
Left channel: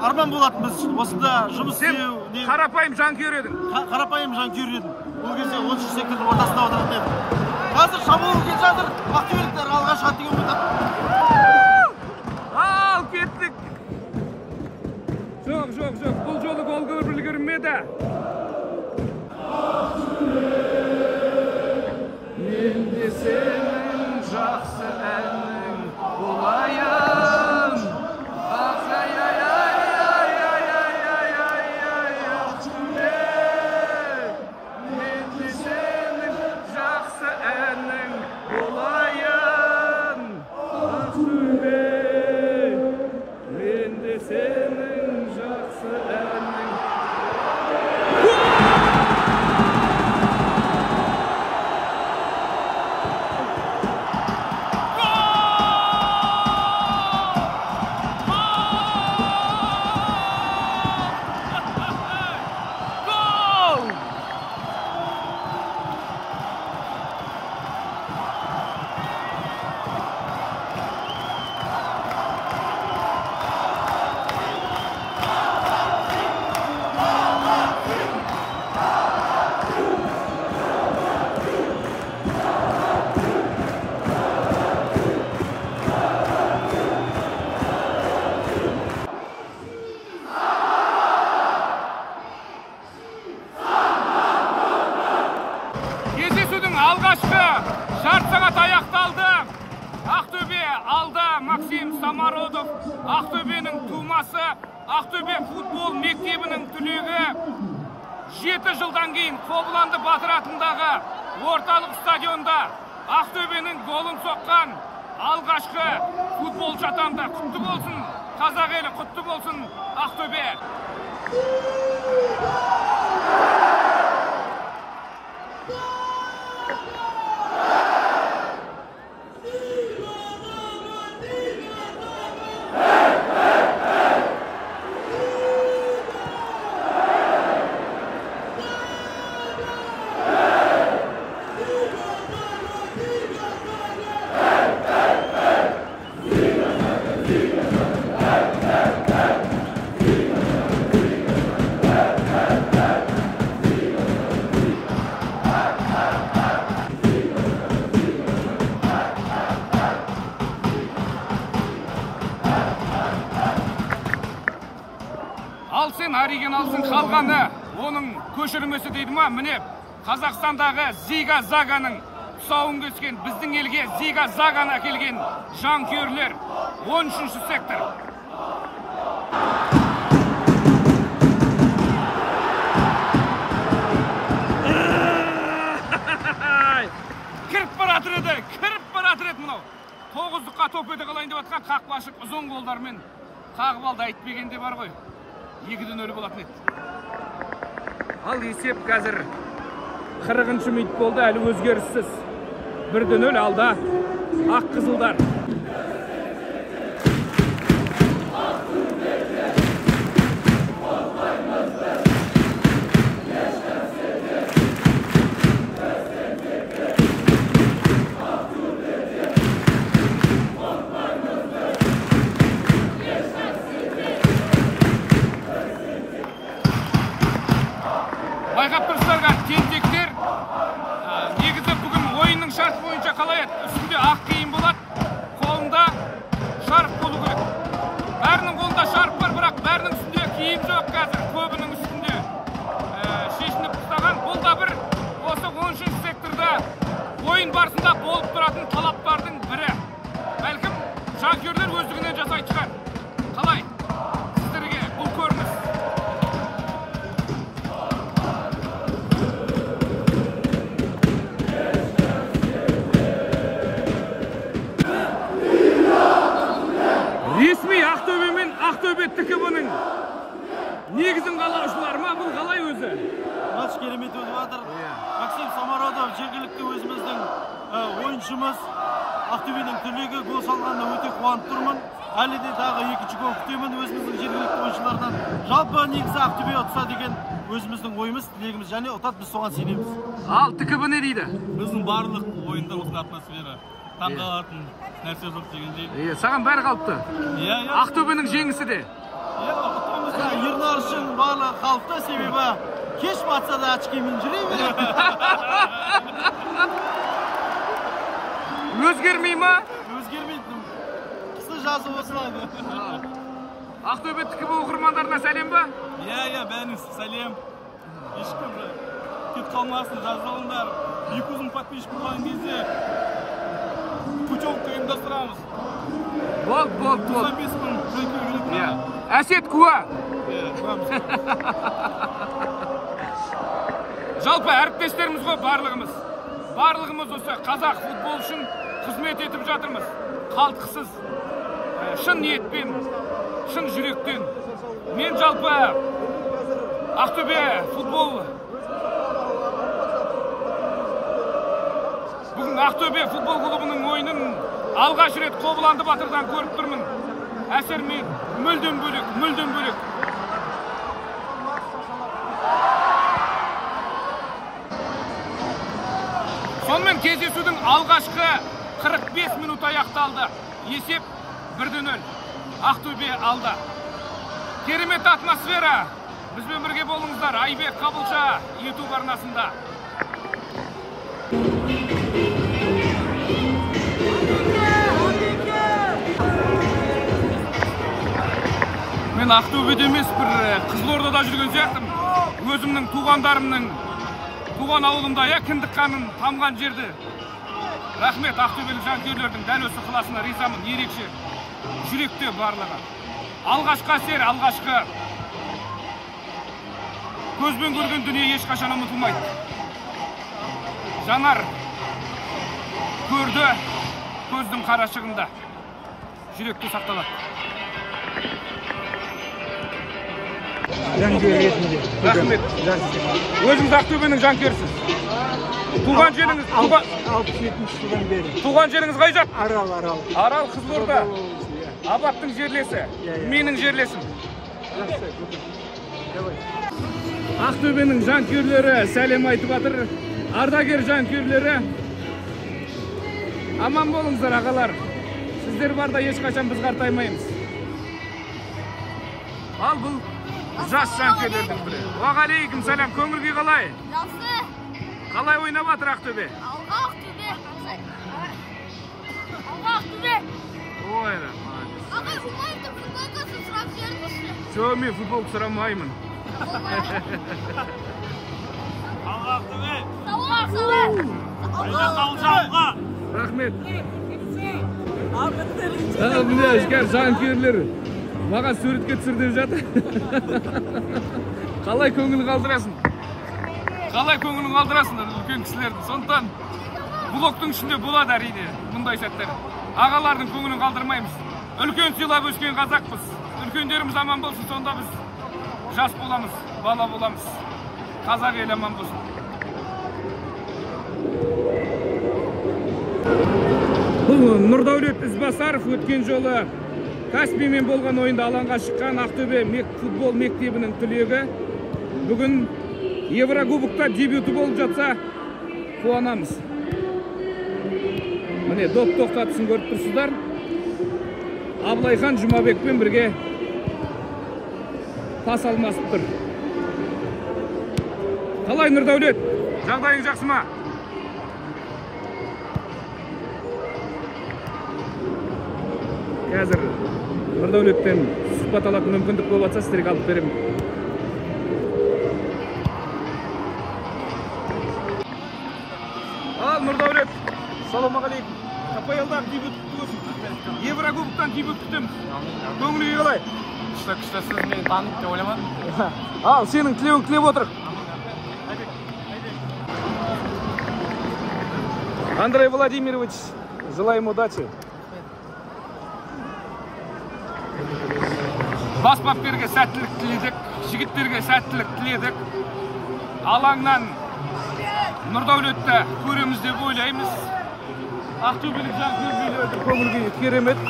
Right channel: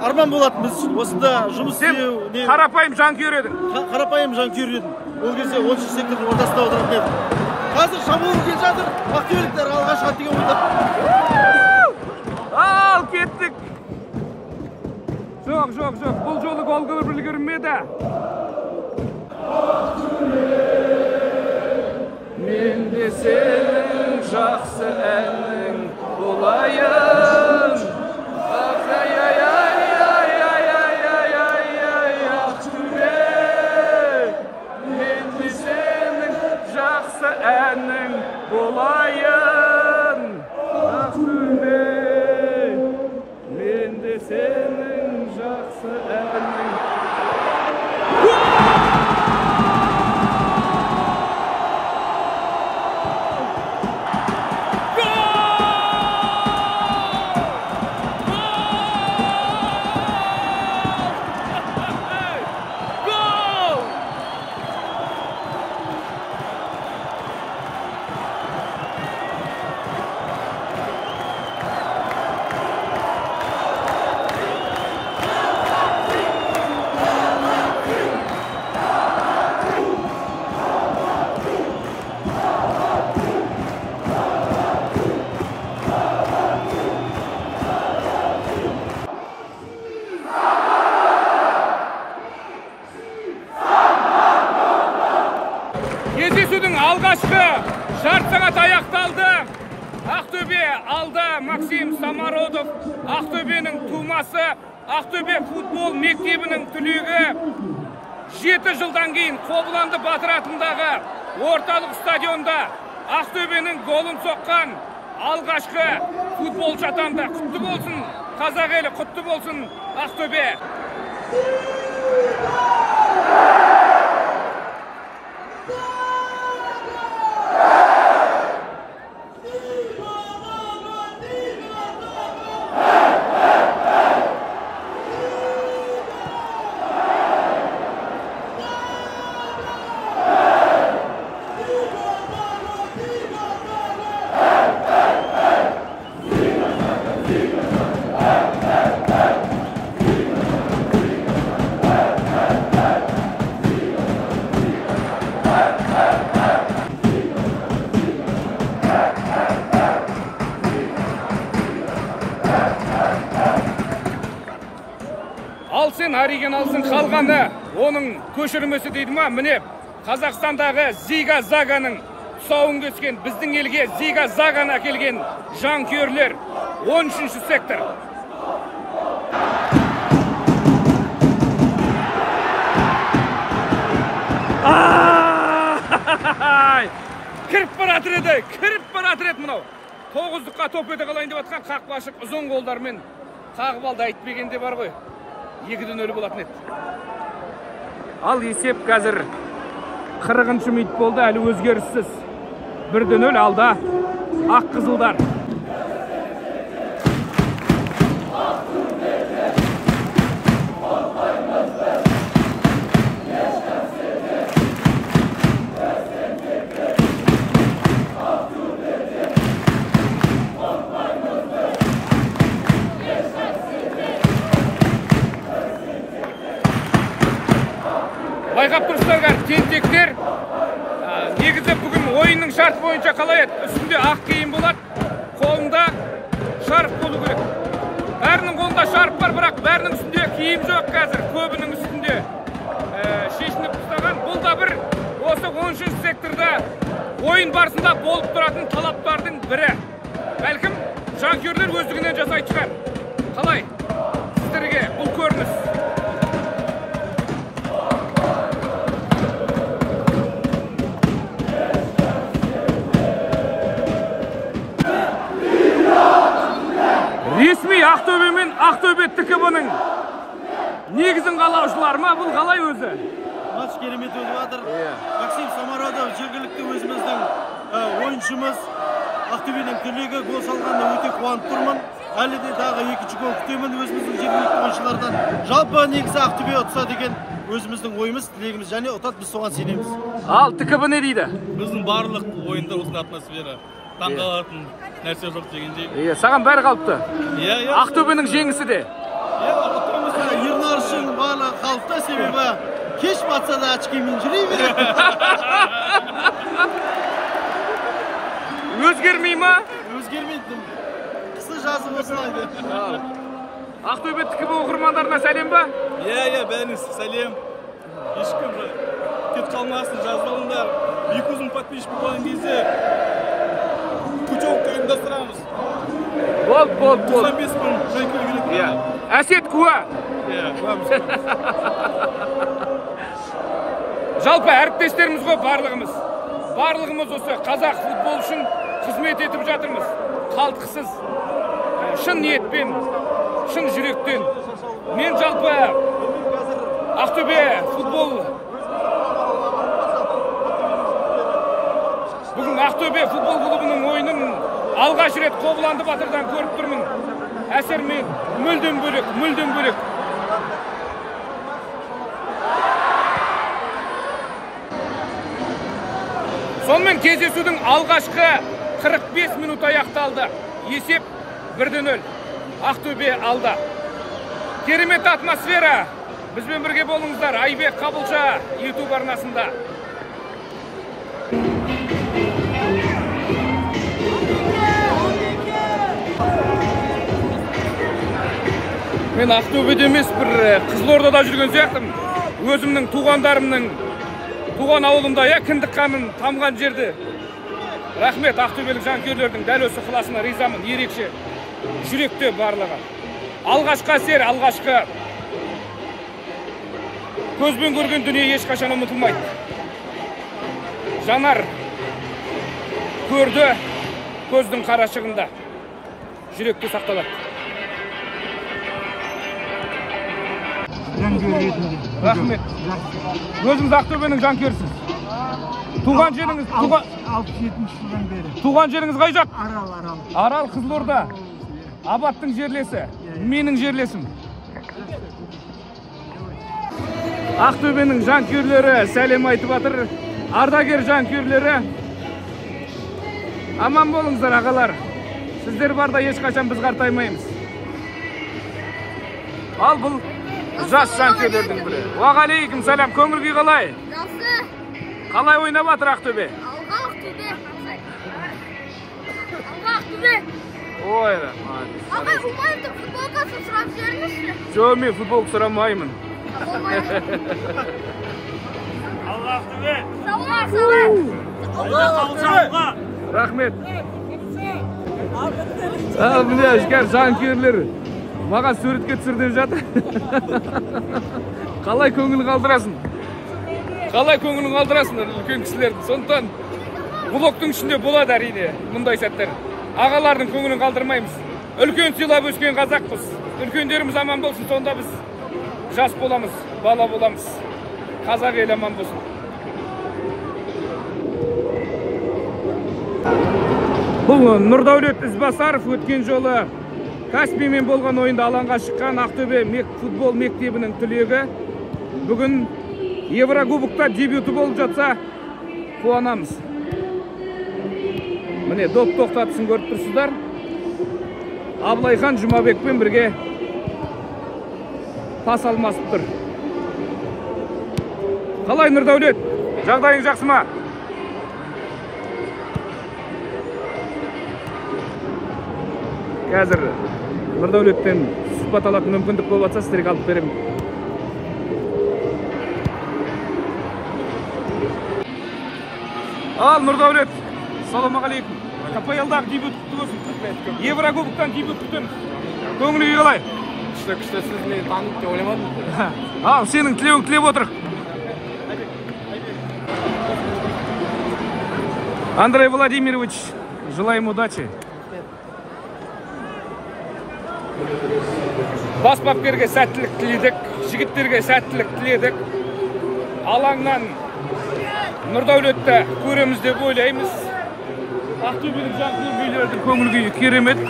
арман болатын, біз осында жұмыс істеу. Сен қарапайым жанкүйер едің. Қарапайым жанкүйер едім. Ол кезде 10-шы сектордың ортасында отыратын едім. Қазір шабуыл келе жатыр. Ақтөбеліктер алға шығады деген ойда. Ал кеттік. Жоқ. Бұл жолы гол үлгермеді. Мен де сенің жақсы әнің болайын. Ақтөбе. Мен де сенің жақсы әнің болайын. Ақтөбе. Мен де сенің жақсы әнің. Кездесудің алғашқы жарты сағат аяқталды. Ақтөбе алда Максим Самародов, Ақтөбенің тумасы, Ақтөбе футбол мектебінің түлегі. 7 жылдан кейін Қобыланды Батыр атындағы орталық стадионда Ақтөбенің голын соққан алғашқы футболшы атанды. Құтты болсын қазақ елі, құтты болсын Ақтөбе. Алсын, оригиналсын қалғаны, оның көшірмесі дейді ма? Міне, Қазақстандағы Зига Заганың тұсауын кескен, біздің елге Зига Заганы әкелген жанкүйерлер. 13-ші сектор. Кіріп баратыр еді мұнау. 9-қа топ өте қалайын деп атқан қақпашық ұзын қолдармен қағып алды, айтпегенде бар ғой. 2-0 болатын еді. Ал есеп қазір 40-шы минут болды, әлі өзгеріссіз. 1-0 алда ақ қызылдар. Негізі бүгін ойынның шарты бойынша қалай еді? Үстінде ақ киім болады, қолында шарф болу керек. Бәрінің қолында шарф бар, бірақ бәрінің үстінде киім жоқ қазір. Көбінің үстінде шешініп тастаған. Бұл да бір осы 13-ші секторда ойын барысында болып тұратын талаптардың бірі. Бәлкім жанкүйерлер өздігінен жасайды шығар. Қалай? Сіздерге бұл көрініс. Ресми Ақтөбе мен Ақтөбе ТКБ-нің негізін қалаушылар ма? Бұл қалай өзі? Матч керемет өтіп жатыр. Максим Самародов жергілікті өзіміздің ойыншымыз. Ақтөбенің түлегі гол салғанына өте қуанып тұрмын. Әлі де дағы екінші гол күтемін өзіміздің жергілікті ойыншылардан. Жалпы негізі Ақтөбе ұтса деген өзіміздің ойымыз, тілегіміз және ұтады, біз соған сенеміз. Ал ТКБ не дейді? Біздің барлық ойында осындай атмосфера. Таңғалатын нәрсе жоқ дегендей. Саған бәрі қалыпты. Ақтөбенің жеңісі де. Юрнар үшін барлығы қалыпты, себебі кеш батса да очкимен жүре береді. Өзгермей ма? Өзгермейді. Қысы жазы осылайды. Ақтөбе ТКБ оқырмандарына сәлем ба? Бәріңіз сәлем. Ешкім кет қалмасын, жазылыңдар. 200 подписчик болған кезде путевка ұйымдастырамыз. Бол. 95 мың жанкүйер келеді. Әсет куә. Жалпы әріптестеріміз ғой барлығымыз. Барлығымыз осы қазақ футбол үшін қызмет етіп жатырмыз. Қалтқысыз, шын ниетпен, шын жүректен. Мен жалпы Ақтөбе футбол Бүгін Ақтөбе футбол клубының ойынын алғаш рет Қобыланды Батырдан көріп тұрмын. Әсермен мүлдем бөлек. Сонымен кездесудің алғашқы 45 минут аяқталды. Есеп 1-0. Ақтөбе алда. Керемет атмосфера. Бізбен бірге болыңыздар. Айбек Қабылша YouTube арнасында. Мен Ақтөбеде емес, бір Қызылордада жүрген сияқтым. Өзімнің туғандарымның туған ауылымда, кіндік қаным тамған жерді. Рахмет Ақтөбелік жанкүйерлердің дәл осы ықыласына ризамын, ерекше. Жүректе барлығы. Алғашқы әсер, алғашқы көзбен көрген дүние ешқашан ұмытылмайды. Жанар көрді көздің қарашығында. Жүректе сақталады. Жанкүйер ретінде. Рахмет. Өзіңіз Ақтөбенің жанкүйерсіз. Туған жеріңіз 67 жылдан бері. Туған жеріңіз қай жақ? Арал. Арал Қызылорда. Абаттың жерлесі. Менің жерлесім. Ақтөбенің жанкүйерлері сәлем айтып жатыр. Ардагер жанкүйерлері. Аман болыңыздар ағалар. Сіздер барда ешқашан біз қартаймаймыз. Ал бұл жас жанкүйерлердің бірі. Уағалейкум сәлем, көңіл-күй қалай? Жақсы. Қалай ойнап жатыр Ақтөбе? Алға Ақтөбе. Ой, молодец. Ағай, Жумаевтың футболкасын сұрап жіберіңізші. Жоқ, мен футболка сұрамаймын. Алға Ақтөбе. Рахмет. Міне ішкер жанкүйерлер маған суретке түсір деп жатыр. Қалай көңілін қалдырасың? Үлкен кісілерді. Сондықтан блоктың ішінде болады әрине мұндай сәттер. Ағалардың көңілін қалдырмаймыз. Үлкен сыйлап өскен қазақпыз. Үлкендеріміз аман болсын, сонда біз жас боламыз, бала боламыз. Қазақ ел аман болсын. Бұл Нұрдәулет Ізбасаров өткен жолы Каспиймен болған ойында алаңға шыққан Ақтөбе футбол мектебінің түлегі. Бүгін Еврокубокта дебюті болып жатса, қуанамыз. Міне, доп тоқтатысын көріп тұрсыздар. Абылайхан Жұмабекпен бірге пас алмасып тұр. Қалай Нұрдәулет? Жағдайың жақсы ма? қазір Нұрдәулеттен сұхбат алатын мүмкіндік болып жатса, сіздерге алып беремін. Ал Нұрдәулет, ассалаумағалейкум. КПЛ-дан дебют құтты болсын. Еврокубоктан дебют күтеміз. Көңілі қалай? Күшті, сіз мені танып деп ойламадым. Сенің тілеуің тілеп отыр. Андрей Владимирович, желаем удачи. Бас бапкерге сәттілік тіледік, жігіттерге сәттілік тіледік. Алаңнан Нұрдәулетті көреміз деп ойлаймыз. Ақтөбелік жанкүйерлердің көңіл күйі керемет.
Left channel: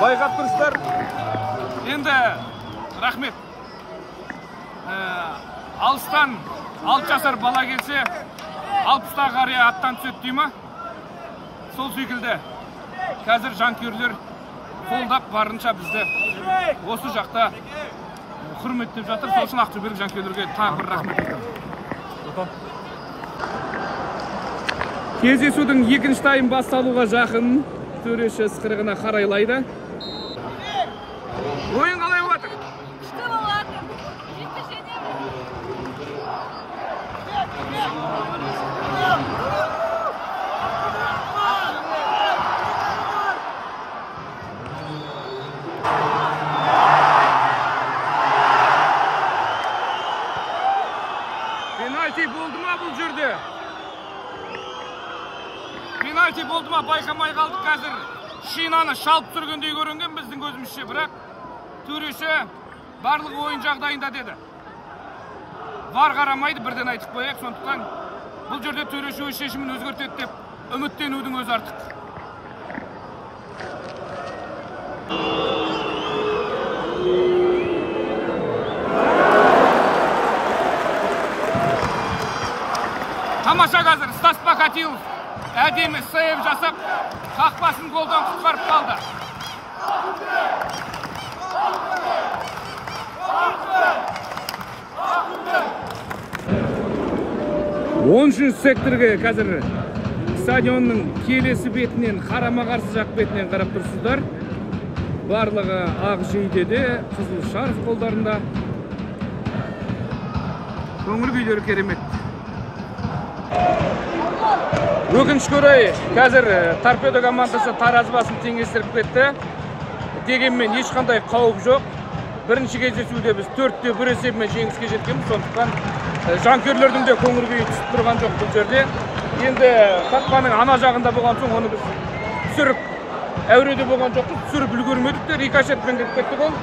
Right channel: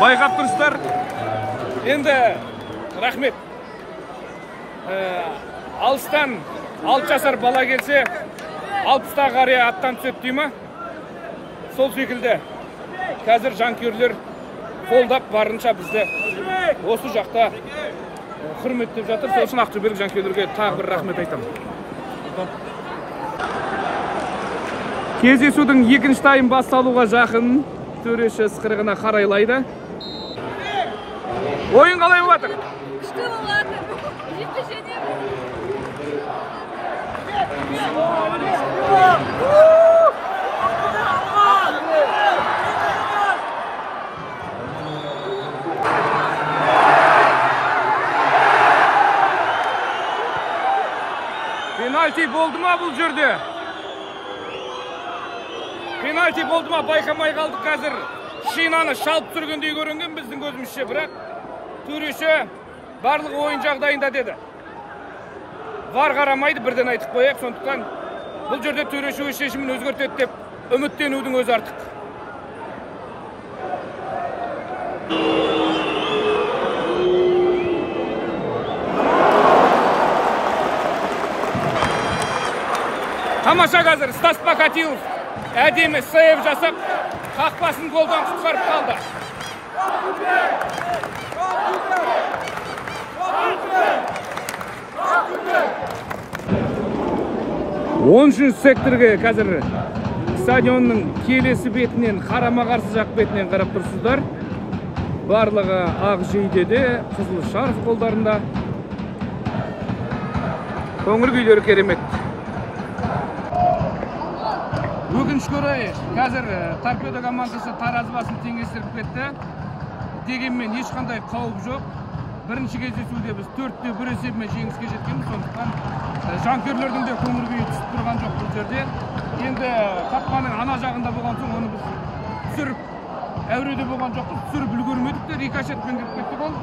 Байқап тұрсыздар. Енді рахмет. Алыстан 6 жасар бала келсе, 60-та қария аттан түседі дей ма? Сол секілді қазір жанкүйерлер қолдап барынша бізді осы жақта құрметтеп жатыр. Сол үшін ақтөбелік жанкүйерлерге тағы бір рахмет айтамын. Кездесудің екінші тайм басталуға жақын. Төреші ысқырығына қарайлайды. Ойын қалай болып жатыр? Күшті болып жатыр. Penalti болды ма бұл жерде? Penalti болды ма байқамай қалдық қазір. Шинаны шалып түргендей көрінген біздің көзімізше, бірақ төреші барлығы ойын жағдайында деді. Var қарамайды, бірден айтып қояйық, сондықтан бұл жерде төреші өз шешімін өзгертеді деп үміттенудің өзі артық. Тамаша қазір Стас Покатилов әдемі сейв жасап, қақпасын голдан құтқарып қалды. 10-ші секторге қазір стадионның келесі бетінен, қарама-қарсы жақ бетінен қарап тұрсыздар. Барлығы ақ жейдеде, қызыл шарф қолдарында. Көңіл күйлері керемет. Өкінішке орай, қазір торпедо командасы таразы басын теңестіріп кетті. Дегенмен ешқандай қауіп жоқ. Бірінші кездесуде біз 4-1 есебімен жеңіске жеткенбіз, сондықтан жанкүйерлердің де көңіл күйі түсіп тұрған жоқ бұл жерде. Енді қақпаның ана жағында болған соң оны біз түсіріп, әуреде болған жоқпыз, түсіріп үлгермедік те, рикошетпен кіріп кеттік ол.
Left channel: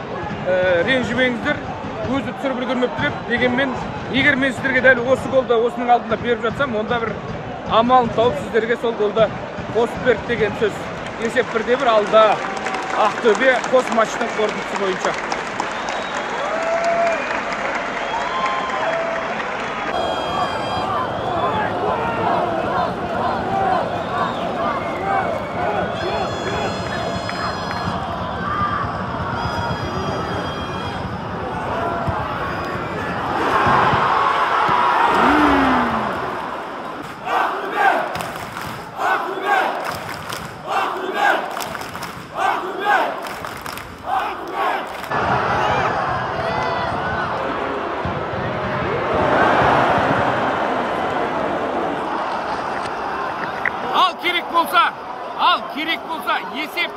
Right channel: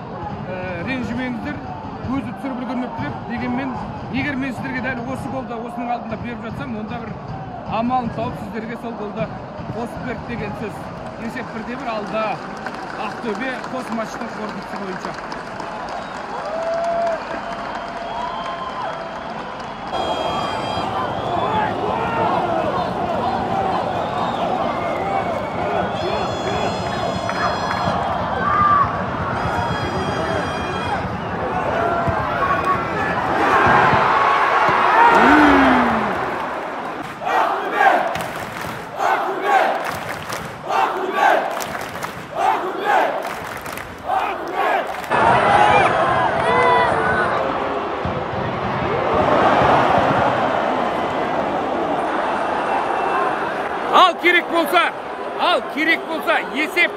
Ренжімеңіздер, өзі түсіріп үлгермепті деп. Дегенмен, егер мен сіздерге дәл осы голды осының алдында беріп жатсам, онда бір амалын тауып сіздерге сол голды қосып берді деген сөз. Есеп 1-1 алда Ақтөбе қос матчтың қорытындысы бойынша. Керек болса, есеп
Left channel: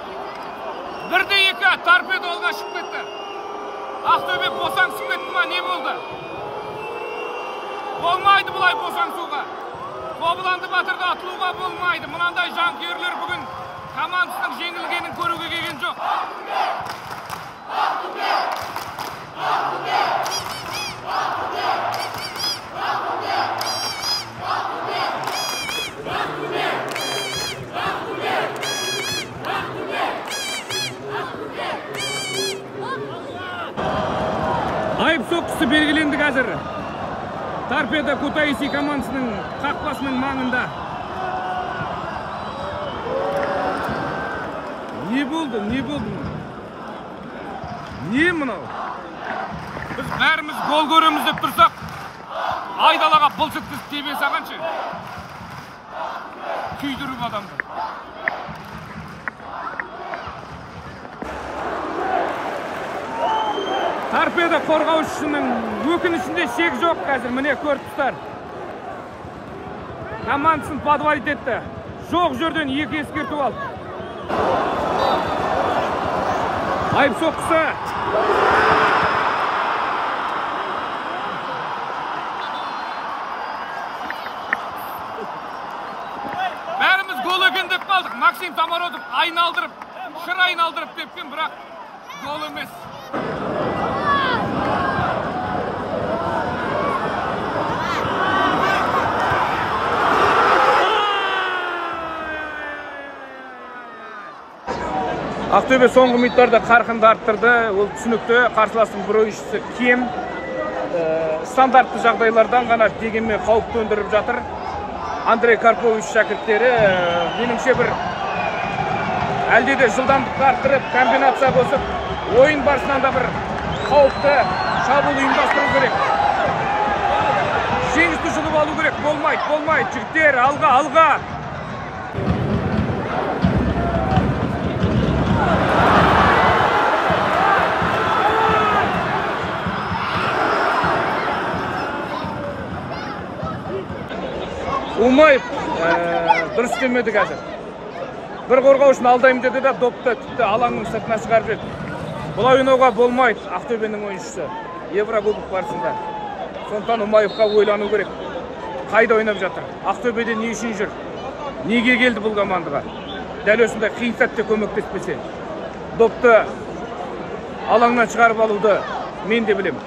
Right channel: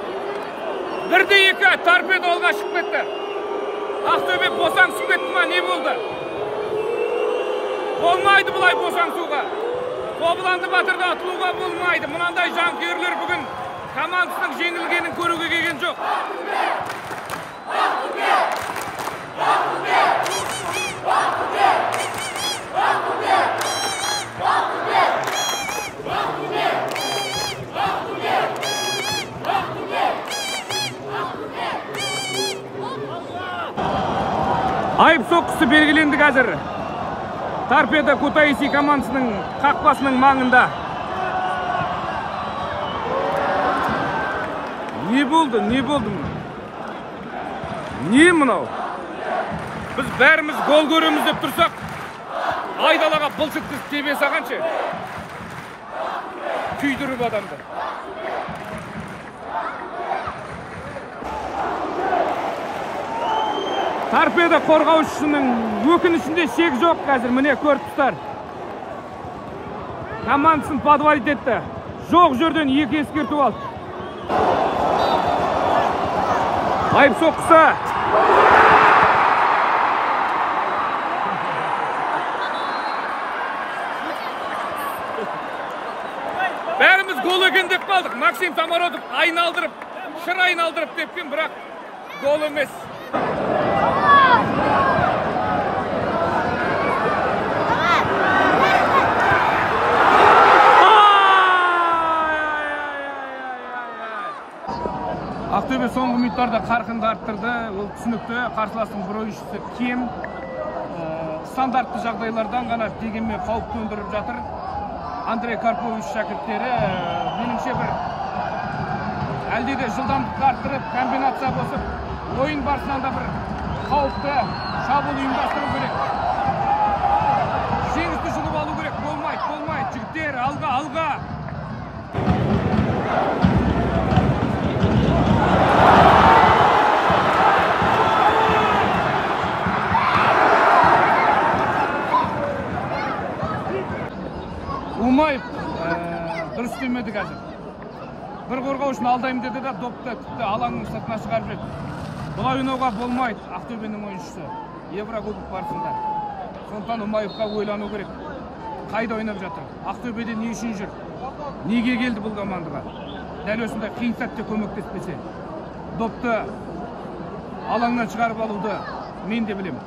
1-2 торпедо алға шығып кетті. Ақтөбе босаңсып кетті ма, не болды? Болмайды бұлай босаңсуға. Қобыланды батырда атылуға болмайды. Мұнандай жанкүйерлер бүгін командасының жеңілгенін көруге келген жоқ. Айып соққысы белгіленді қазір. Торпедо Кутаиси командасының қақпасының маңында. Не болды? Не мынау? Біз бәріміз гол көреміз деп тұрсақ, айдалаға бұлсыткіз тебе сағаншы. Күйдіріп адамды. торпедо қорғаушысының өкінішінде шек жоқ қазір. Міне көріп тұрсыздар. Командасын подвалить етті. Жоқ жерден 2 ескерту алды. Айып соққысы. Бәріміз гол екен деп қалдық. Максим Самородов айналдырып, шыр айналдырып тепкен, бірақ гол емес. Ақтөбе соңғы минуттарда қарқынды арттырды. Ол түсінікті. Қарсыластың бір ойыншысы кем. Стандартты жағдайлардан ғана дегенмен қауіп төндіріп жатыр. Андрей Карпович шәкірттері меніңше бір әлде де жылдамдықты арттырып, комбинация қосып, ойын барысынан да бір қауіпті шабуыл ұйымдастыру керек. Жеңісті жұлып алу керек. Болмайды. Жігіттер, алға. Умаев дұрыс демеді қазір. Бір қорғаушыны алдайым деді де допты тіпті алаңның сыртына шығарып жіберді. Бұлай ойнауға болмайды Ақтөбенің ойыншысы Еврокубок барысында. Сондықтан Умаевқа ойлану керек. Қайда ойнап жатыр? Ақтөбеде не үшін жүр? Неге келді бұл командаға? Дәл осындай қиын сәтте көмектеспесе, допты алаңнан шығарып алуды мен де білем.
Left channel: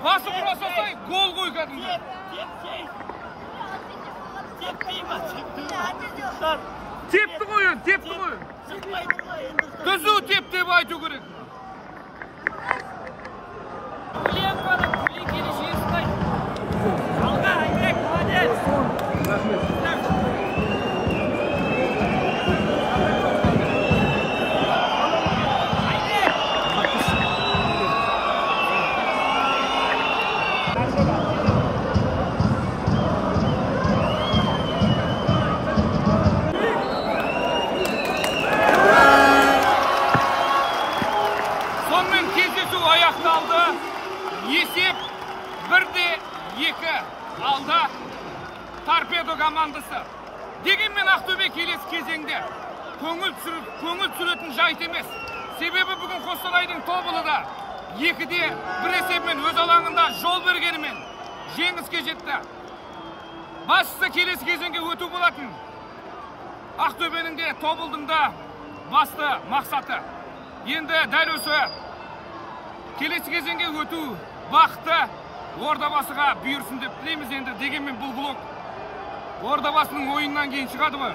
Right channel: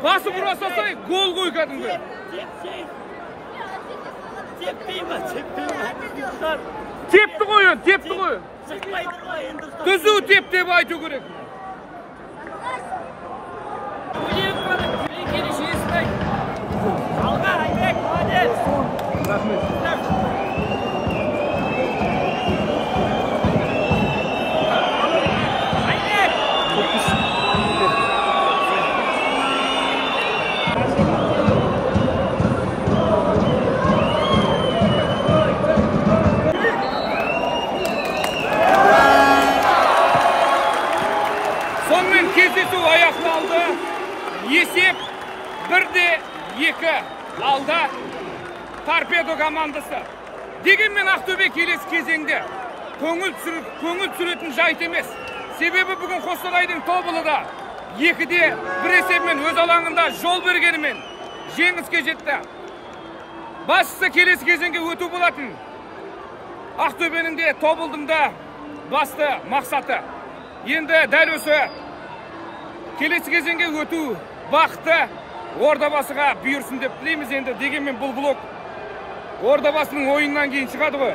Басы бұрасасай, гол қой кәдімгі. Тепті қой. Түзу теп деп айту керек. Алға, Айбек, молодец. Кездесу аяқталды. Есеп 1-2 алда торпедо командасы. Дегенмен Ақтөбе келесі кезеңде көңіл түсіретін жайт емес. Себебі бүгін Қостанайдың Тобылыда 2-1 есебімен өз алаңында жол бергенімен жеңіске жетті. Бастысы келесі кезеңге өту болатын. Ақтөбенің де Тобылдың да басты мақсаты. Енді дәл осы келесі кезеңге өту бақыты Ордабасыға бұйырсын деп тілейміз. Енді дегенмен бұл блок Ордабасының ойыннан кейін шығады ғой.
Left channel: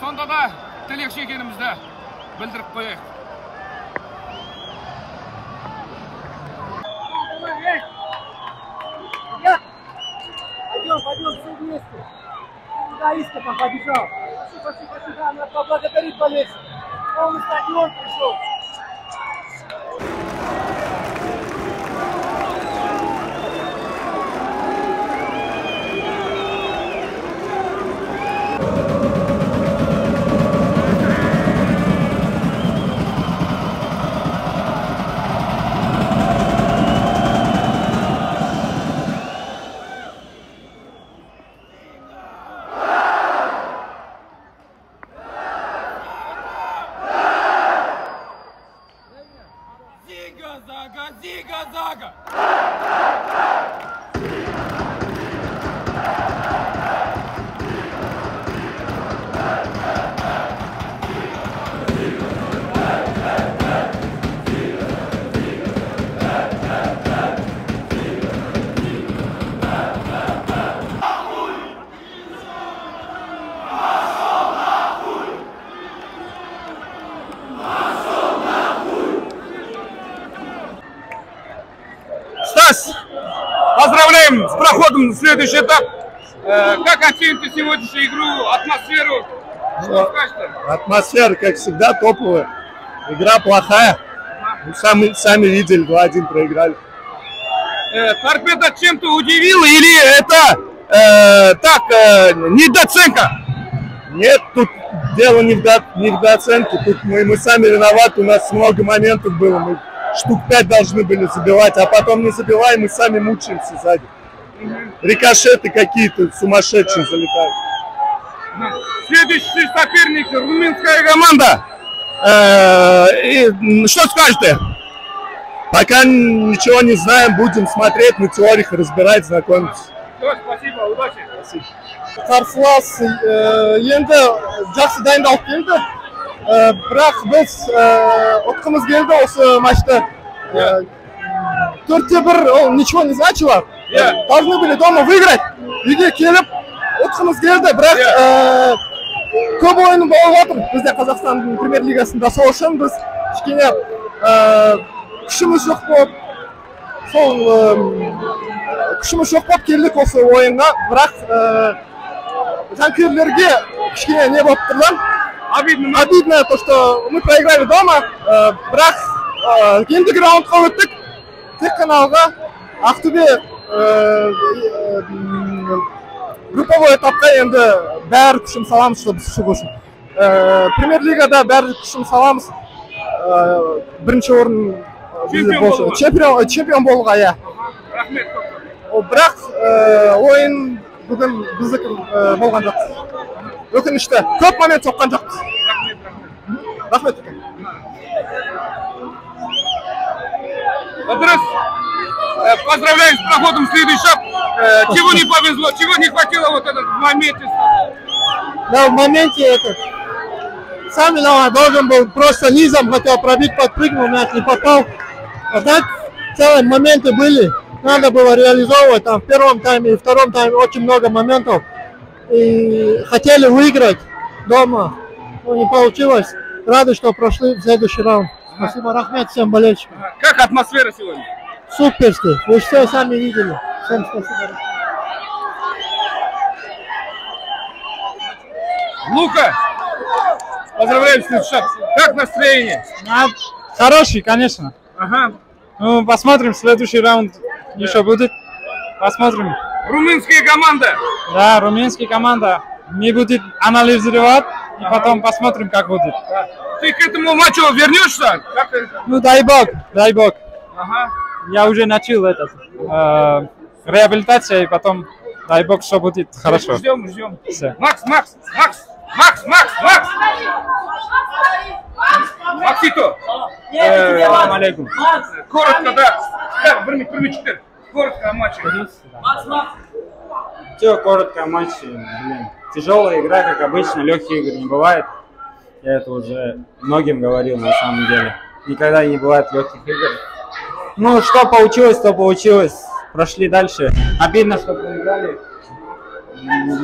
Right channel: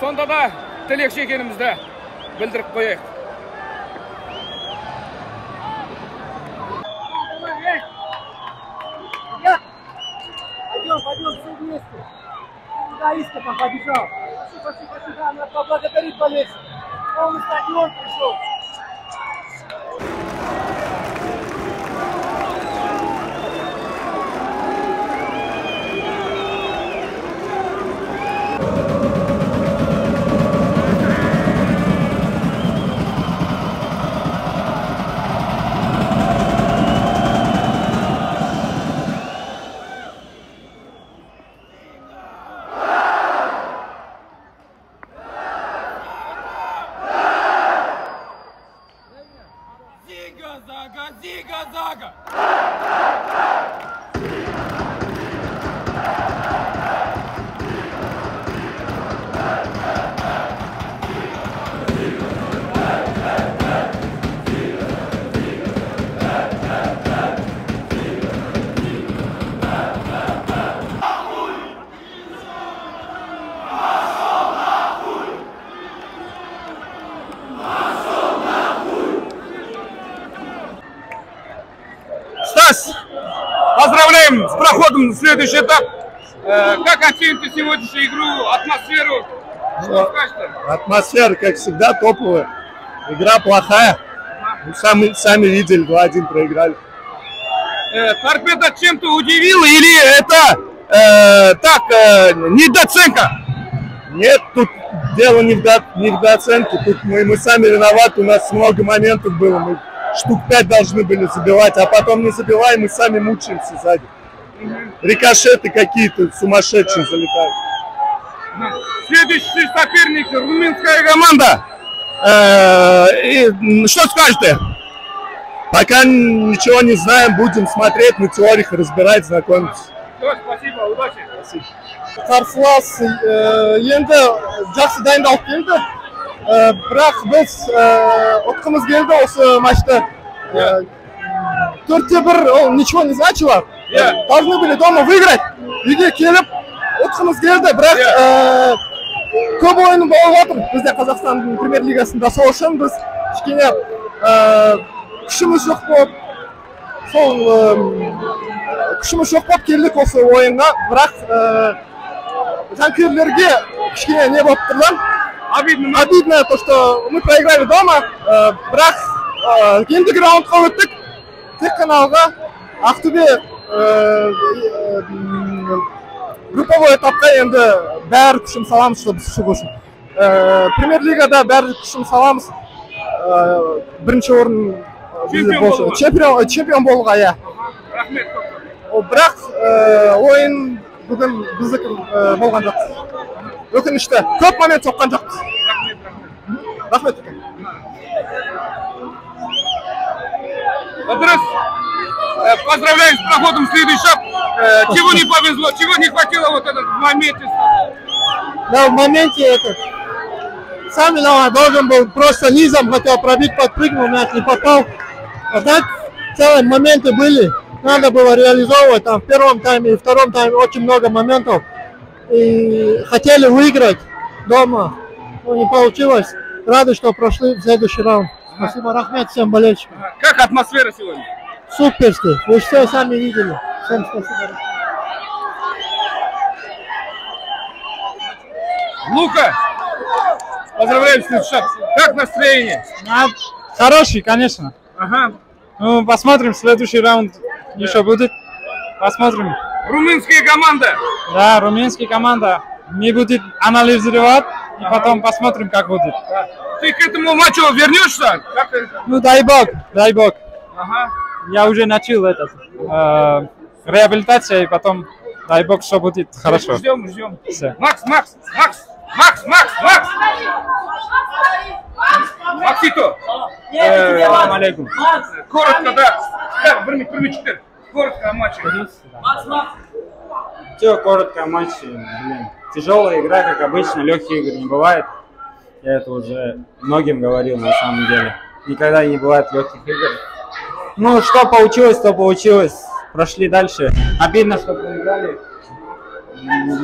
Сонда да тілекші екенімізді білдіріп қояйық. Пойдем все вместе. Куда Истопа побежал? Пошли, надо поблагодарить болельщиков. Полный стадион пришел. Ziga-zaga! Поздравляем с проходом в следующий этап. Как оцените сегодняшнюю игру, атмосферу? Что скажете? Атмосфера, как всегда, топовая. Игра плохая. Сами видели, 2-1 проиграли. Торпедо чем-то удивила или это недооценка? Нет, тут дело не в недооценке. Тут мы сами виноваты, у нас много моментов было. Мы штук 5 должны были забивать, а потом не забиваем, мы сами мучаемся сзади. Рикошеты какие-то сумасшедшие залетают. Следующий соперник румынская команда. Что скажете? Пока ничего не знаем, будем смотреть на теориях, разбирать, знакомиться. Спасибо, удачи. Спасибо. Қарсылас енді жақсы дайындалып келді. Бірақ біз ұтқымыз келді осы матчта. 4-1 ол ничего не значило. Должны были дома выиграть. Үйге келіп ұтқымыз келді. Бірақ көп ойын болып отыр. Бізде Қазақстанның премьер-лигасында сол үшін біз кішкене күшіміз жоқ болып, келдік осы ойынға. Бірақ жанкүйерлерге кішкене не болып тұрды. Обидно то, что мы проиграли дома. Бірақ ендігі раундқа өттік. Тек қана алға Ақтөбе групповой этапқа енді бәрі күшін саламыз, чтобы шығу үшін. Премьер-лигада бәрі күшін саламыз. Бірінші орын чемпион болуға, иә. Бірақ ойын бүгін біздікі болған жоқ. Өкінішті. Көп момент соққан жоқ. Рахмет. Вопрос. Поздравляем с проходом в следующий шаг. Чего не повезло, чего не хватило вот этот в моменте? Да, в моменте этот. Сам виноват, должен был просто низом хотел пробить, подпрыгнул, мяч не попал. А так целые моменты были. Надо было реализовывать. Там в первом тайме и втором тайме очень много моментов. И хотели выиграть дома, но не получилось. Рады, что прошли в следующий раунд. Спасибо, Рахмет, всем болельщикам. Как атмосфера сегодня? Суперский. Вы все сами видели. Всем спасибо. Лука, поздравляем с следующим. Как настроение? Хороший, конечно. Ага. Ну, посмотрим, следующий раунд еще будет. Посмотрим. Румынская команда. Да, румынская команда. Не будет анализировать, и потом посмотрим, как будет. Ты к этому матчу вернешься? Ну, дай бог, дай бог. Ага. Я уже начал реабилитация, и потом, дай бог, что будет хорошо. Ждем. Все. Макс! Максито! Салам алейкум. Коротко, да. Примечки. Коротко о матче. Все, коротко о матче. Блин. Тяжелая игра, как обычно, легких игр не бывает. Я это уже многим говорил на самом деле. Никогда не бывает легких игр. Ну, что получилось, то получилось. Прошли дальше. Обидно, что проиграли.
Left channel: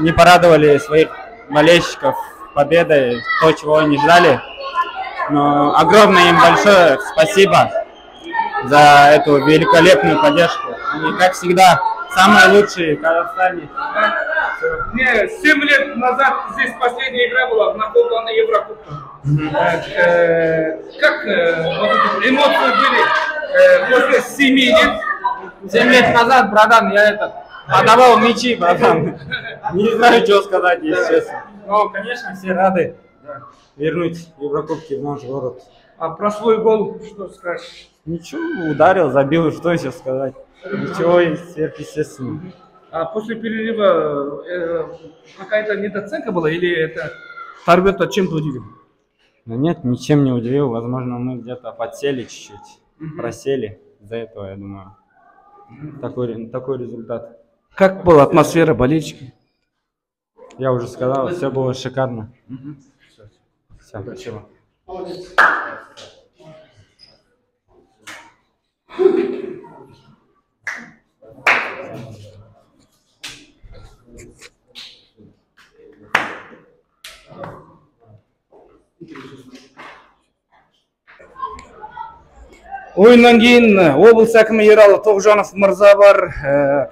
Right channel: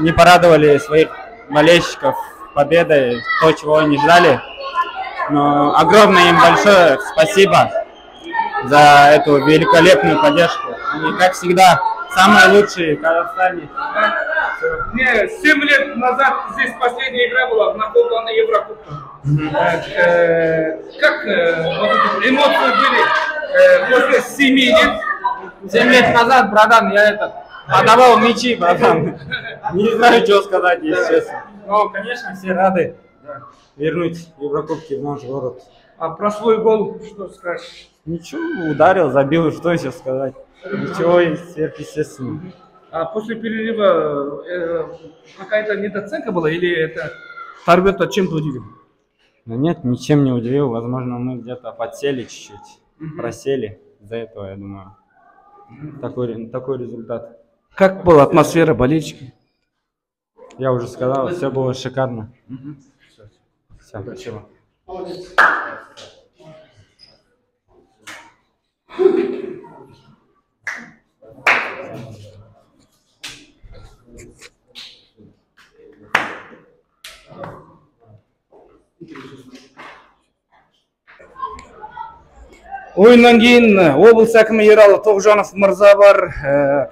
Не порадовали своих болельщиков победой, то, чего они ждали. Но огромное им большое спасибо за эту великолепную поддержку. Они, как всегда, самые лучшие в Казахстане. 7 лет назад здесь последняя игра была на полплане Еврокубка. Как эмоции были после 7 лет? 7 лет назад, братан, я подавал мячи, братан. Не знаю, что сказать, если честно. Но, конечно, все рады вернуть Еврокубки в наш город. А про свой гол что скажешь? Ничего, ударил, забил, что еще сказать. Ничего сверхъестественного. А после перерыва какая-то недооценка была или это Торпедо чем-то удивил? Да нет, ничем не удивил. Возможно, мы где-то подсели чуть-чуть, просели. Из-за этого, я думаю, такой результат. Как была атмосфера болельщиков? Я уже сказал, все было шикарно. Все, спасибо. Ойыннан кейін облыс әкімі Ералы Тоғжанов мырза бар,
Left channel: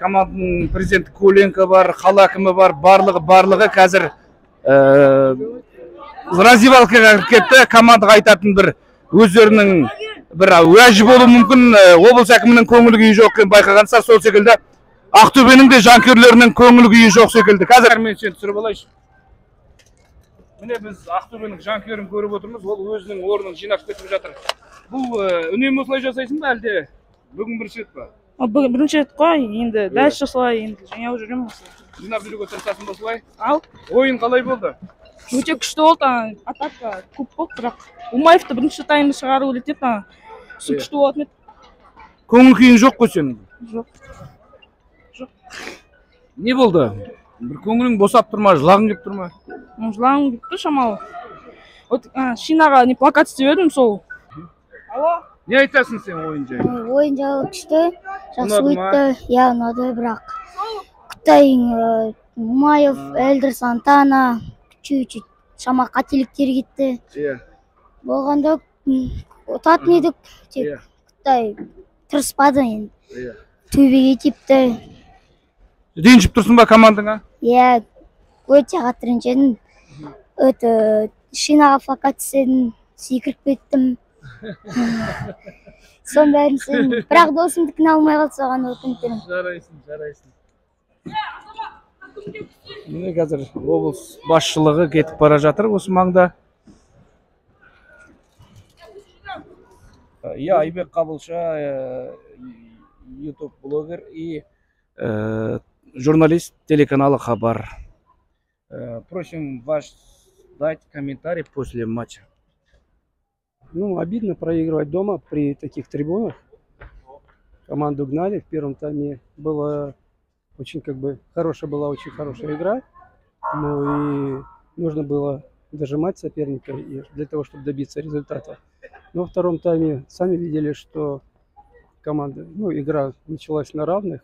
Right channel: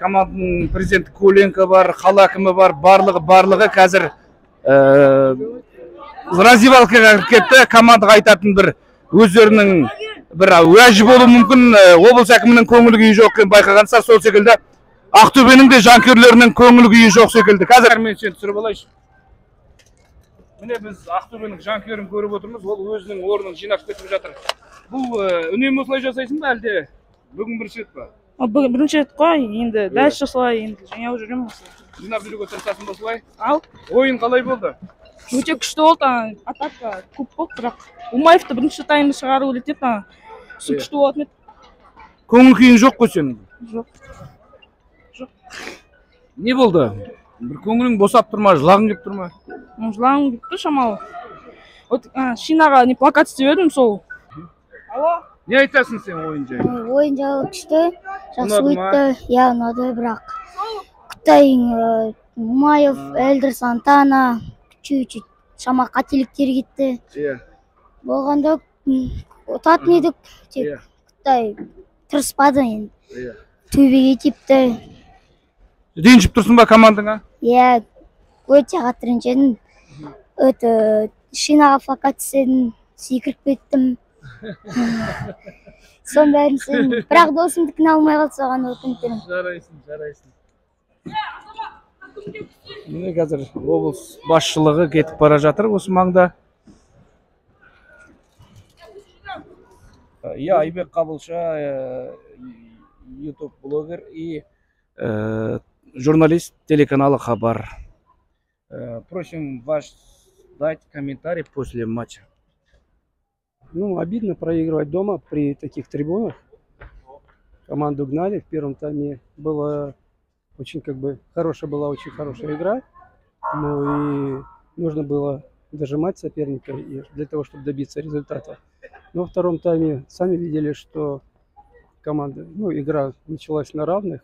команданың президенті Куленко бар, қала әкімі бар, барлығы қазір раздевалкаға кетті. Командаға айтатын бір өздерінің бір уәжі болуы мүмкін, облыс әкімінің көңіл күйі жоқ екенін байқағансыздар, сол секілді Ақтөбенің де жанкүйерлерінің көңіл күйі жоқ секілді. Қазір мен сені түсіріп алайыншы. Міне біз Ақтөбенің жанкүйерін көріп отырмыз, ол өзінің орнын жинап кетіп жатыр. Бұл үнемі осылай жасайсың ба, әлде бүгін бірінші рет па? Бірінші рет қой, енді дәл осылай, енді жаңа жүремін осылай. Жинап жүруге тырысасың ба осылай? Ал. Ойын қалай болды? Өте күшті болды, атака көп болды, бірақ Умаевты бірінші таймда шығару керек еді, сол күшті болатын еді. Көңіл күйің жоқ қой сенің? Жоқ. Не болды? Бір көңілің босап тұр ма, жылағың келіп тұр ма? Жылағым келіп тұр шамалы. Шинаға не плакат істеп едім сол. Алло? Не айтасың сен ойын жайлы? Ойын жайлы күшті, жақсы өтті, иә ұнады, бірақ Қытай, Умаев, Эльдер Сантана, чуть-чуть шама қателіктер кетті. Болғанда ұтатын едік, тек Қытай тырыспады енді. Төбеге тепті. Ренжіп тұрсың ба командаңа? Иә, өте қатты ренжідім. Шинаға плакат істедім, секіріп кеттім. Сон бәрін істедім. Бірақ досымдікін алмай қалды, соған өкініп Жарайсың. Міне қазір облыс басшылығы кетіп бара жатыр осы маңда. Я Айбек Қабылша, YouTube-блогер и журналист телеканала Хабар. Просим вас дать комментарий после матча. Ну, обидно проигрывать дома при таких трибунах. Команду гнали. В первом тайме была очень очень хорошая игра. Ну и нужно было дожимать соперника для того, чтобы добиться результата. Но во втором тайме сами видели, что игра началась на равных.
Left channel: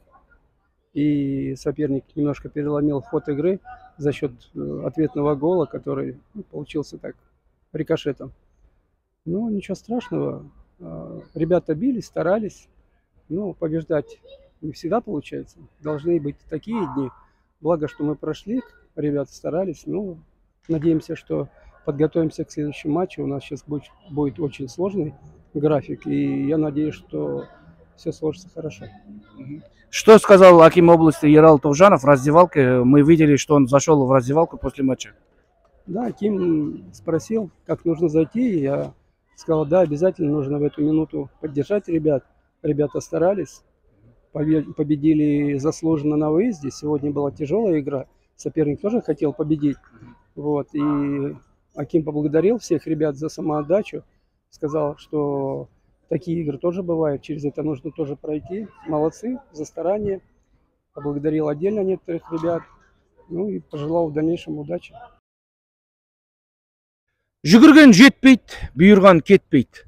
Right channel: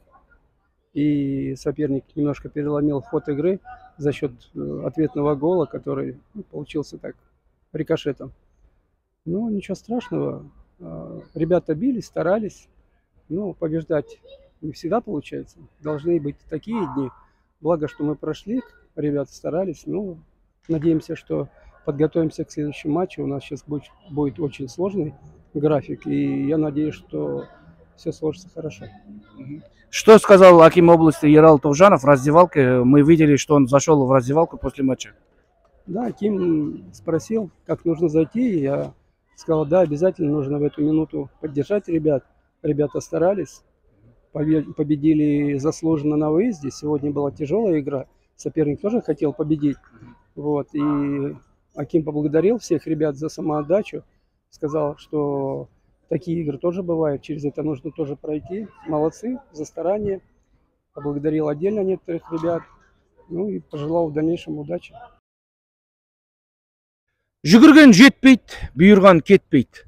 И соперник немножко переломил ход игры за счет ответного гола, который получился так рикошетом. Ну, ничего страшного. Ребята бились, старались. Но побеждать не всегда получается. Должны быть такие дни. Благо, что мы прошли, ребята старались. Ну, надеемся, что подготовимся к следующему матчу. У нас сейчас будет очень сложный график. И я надеюсь, что все сложится хорошо. Что сказал аким области Ерал Товжанов в раздевалке? Мы видели, что он зашел в раздевалку после матча. Да, аким спросил, как нужно зайти. Я сказал, да, обязательно нужно в эту минуту поддержать ребят. Ребята старались, победили заслуженно на выезде. Сегодня была тяжелая игра. Соперник тоже хотел победить. Вот. И аким поблагодарил всех ребят за самоотдачу. Сказал, что такие игры тоже бывают, через это нужно тоже пройти. Молодцы за старание. Поблагодарил отдельно некоторых ребят. Ну и пожелал в дальнейшем удачи. Жүгірген жетпейді, бұйырған кетпейді.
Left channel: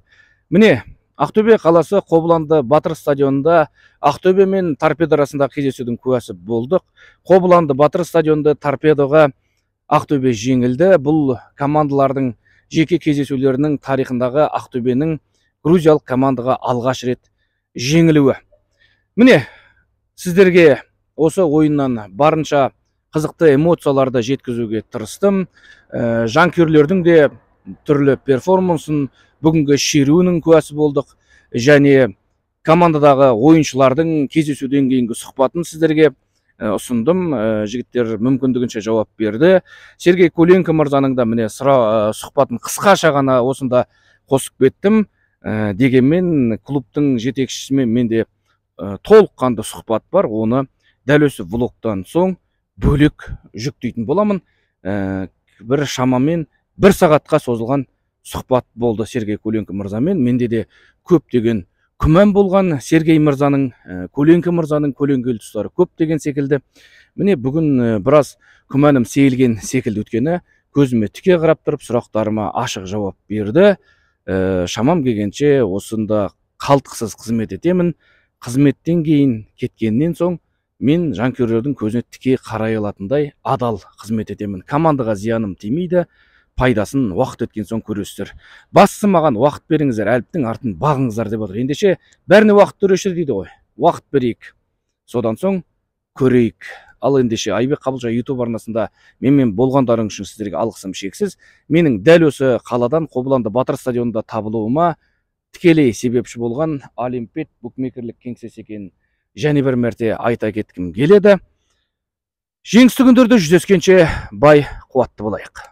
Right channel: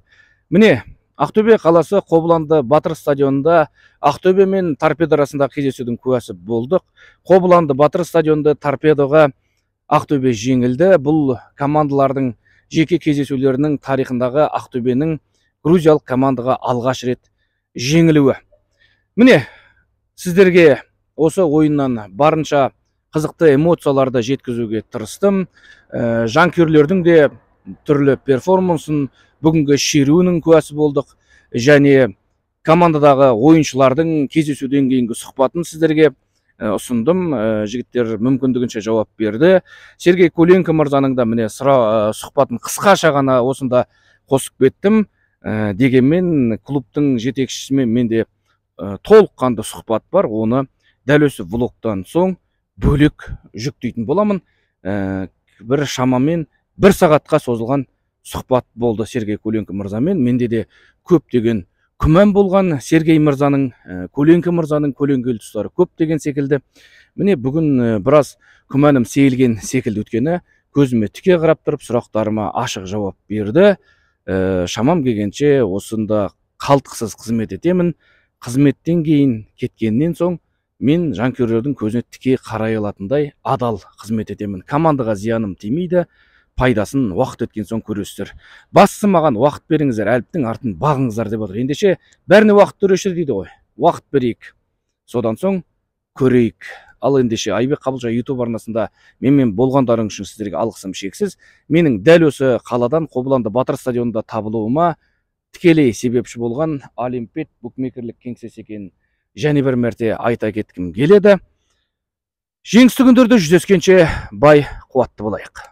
Міне, Ақтөбе қаласы Қобыланды Батыр стадионында Ақтөбе мен Торпедо арасындағы кездесудің куәсі болдық. Қобыланды Батыр стадионында Торпедоға Ақтөбе жеңілді. Бұл командалардың жеке кездесулерінің тарихындағы Ақтөбенің грузиялық командаға алғаш рет жеңілуі. Міне, сіздерге осы ойыннан барынша қызықты эмоцияларды жеткізуге тырыстым. Жанкүйерлердің де түрлі перформансын, бүгінгі шеруінің куәсі болдық. Және командадағы ойыншылардың кездесуден кейінгі сұхбатын сіздерге ұсындым. Жігіттер мүмкіндігінше жауап берді. Сергей Куленко мырзаның да міне сұхбатын қысқаша ғана осында қосып кеттім. Дегенмен клубтың жетекшісімен менде толыққанды сұхбат бар. Оны дәл осы влогтан соң бөлек жүктейтін боламын. Бір шамамен 1 сағатқа созылған сұхбат болды Сергей Куленко мырзамен. Менде де көптеген күмән болған. Сергей мырзаның, Куленко мырзаның көлеңкелі тұстары көп деген секілді. Міне бүгін біраз күмәнім сейілген секілді, өткені көзіме тіке қарап тұрып сұрақтарыма ашық жауап берді. Шамам келгенше осында қалтқысыз қызмет етемін. Қызметтен кейін кеткеннен соң мен жанкүйерлердің көзіне тіке қарай алатындай адал қызмет етемін. Командаға зияным тимейді, пайдасын уақыт өткен соң көресіздер. Бастысы маған уақыт беріңіздер, әліптің артын бағыңыздар деп отыр. Ендеше бәріне уақыт төреші дейді ғой. Уақыт берейік. Содан соң көрейік. Ал ендеше Айбек Қабылжа YouTube арнасында менімен болғандарың үшін сіздерге алғысым шексіз. Менің дәл осы қаладан Қобыланды Батыр стадионында табылуыма тікелей себепші болған Олимпет букмекерлік кеңсесі екенін және бір мәрте айта кеткім келеді. Жеңісті күндерде жүздескенше бай қуатты болайық.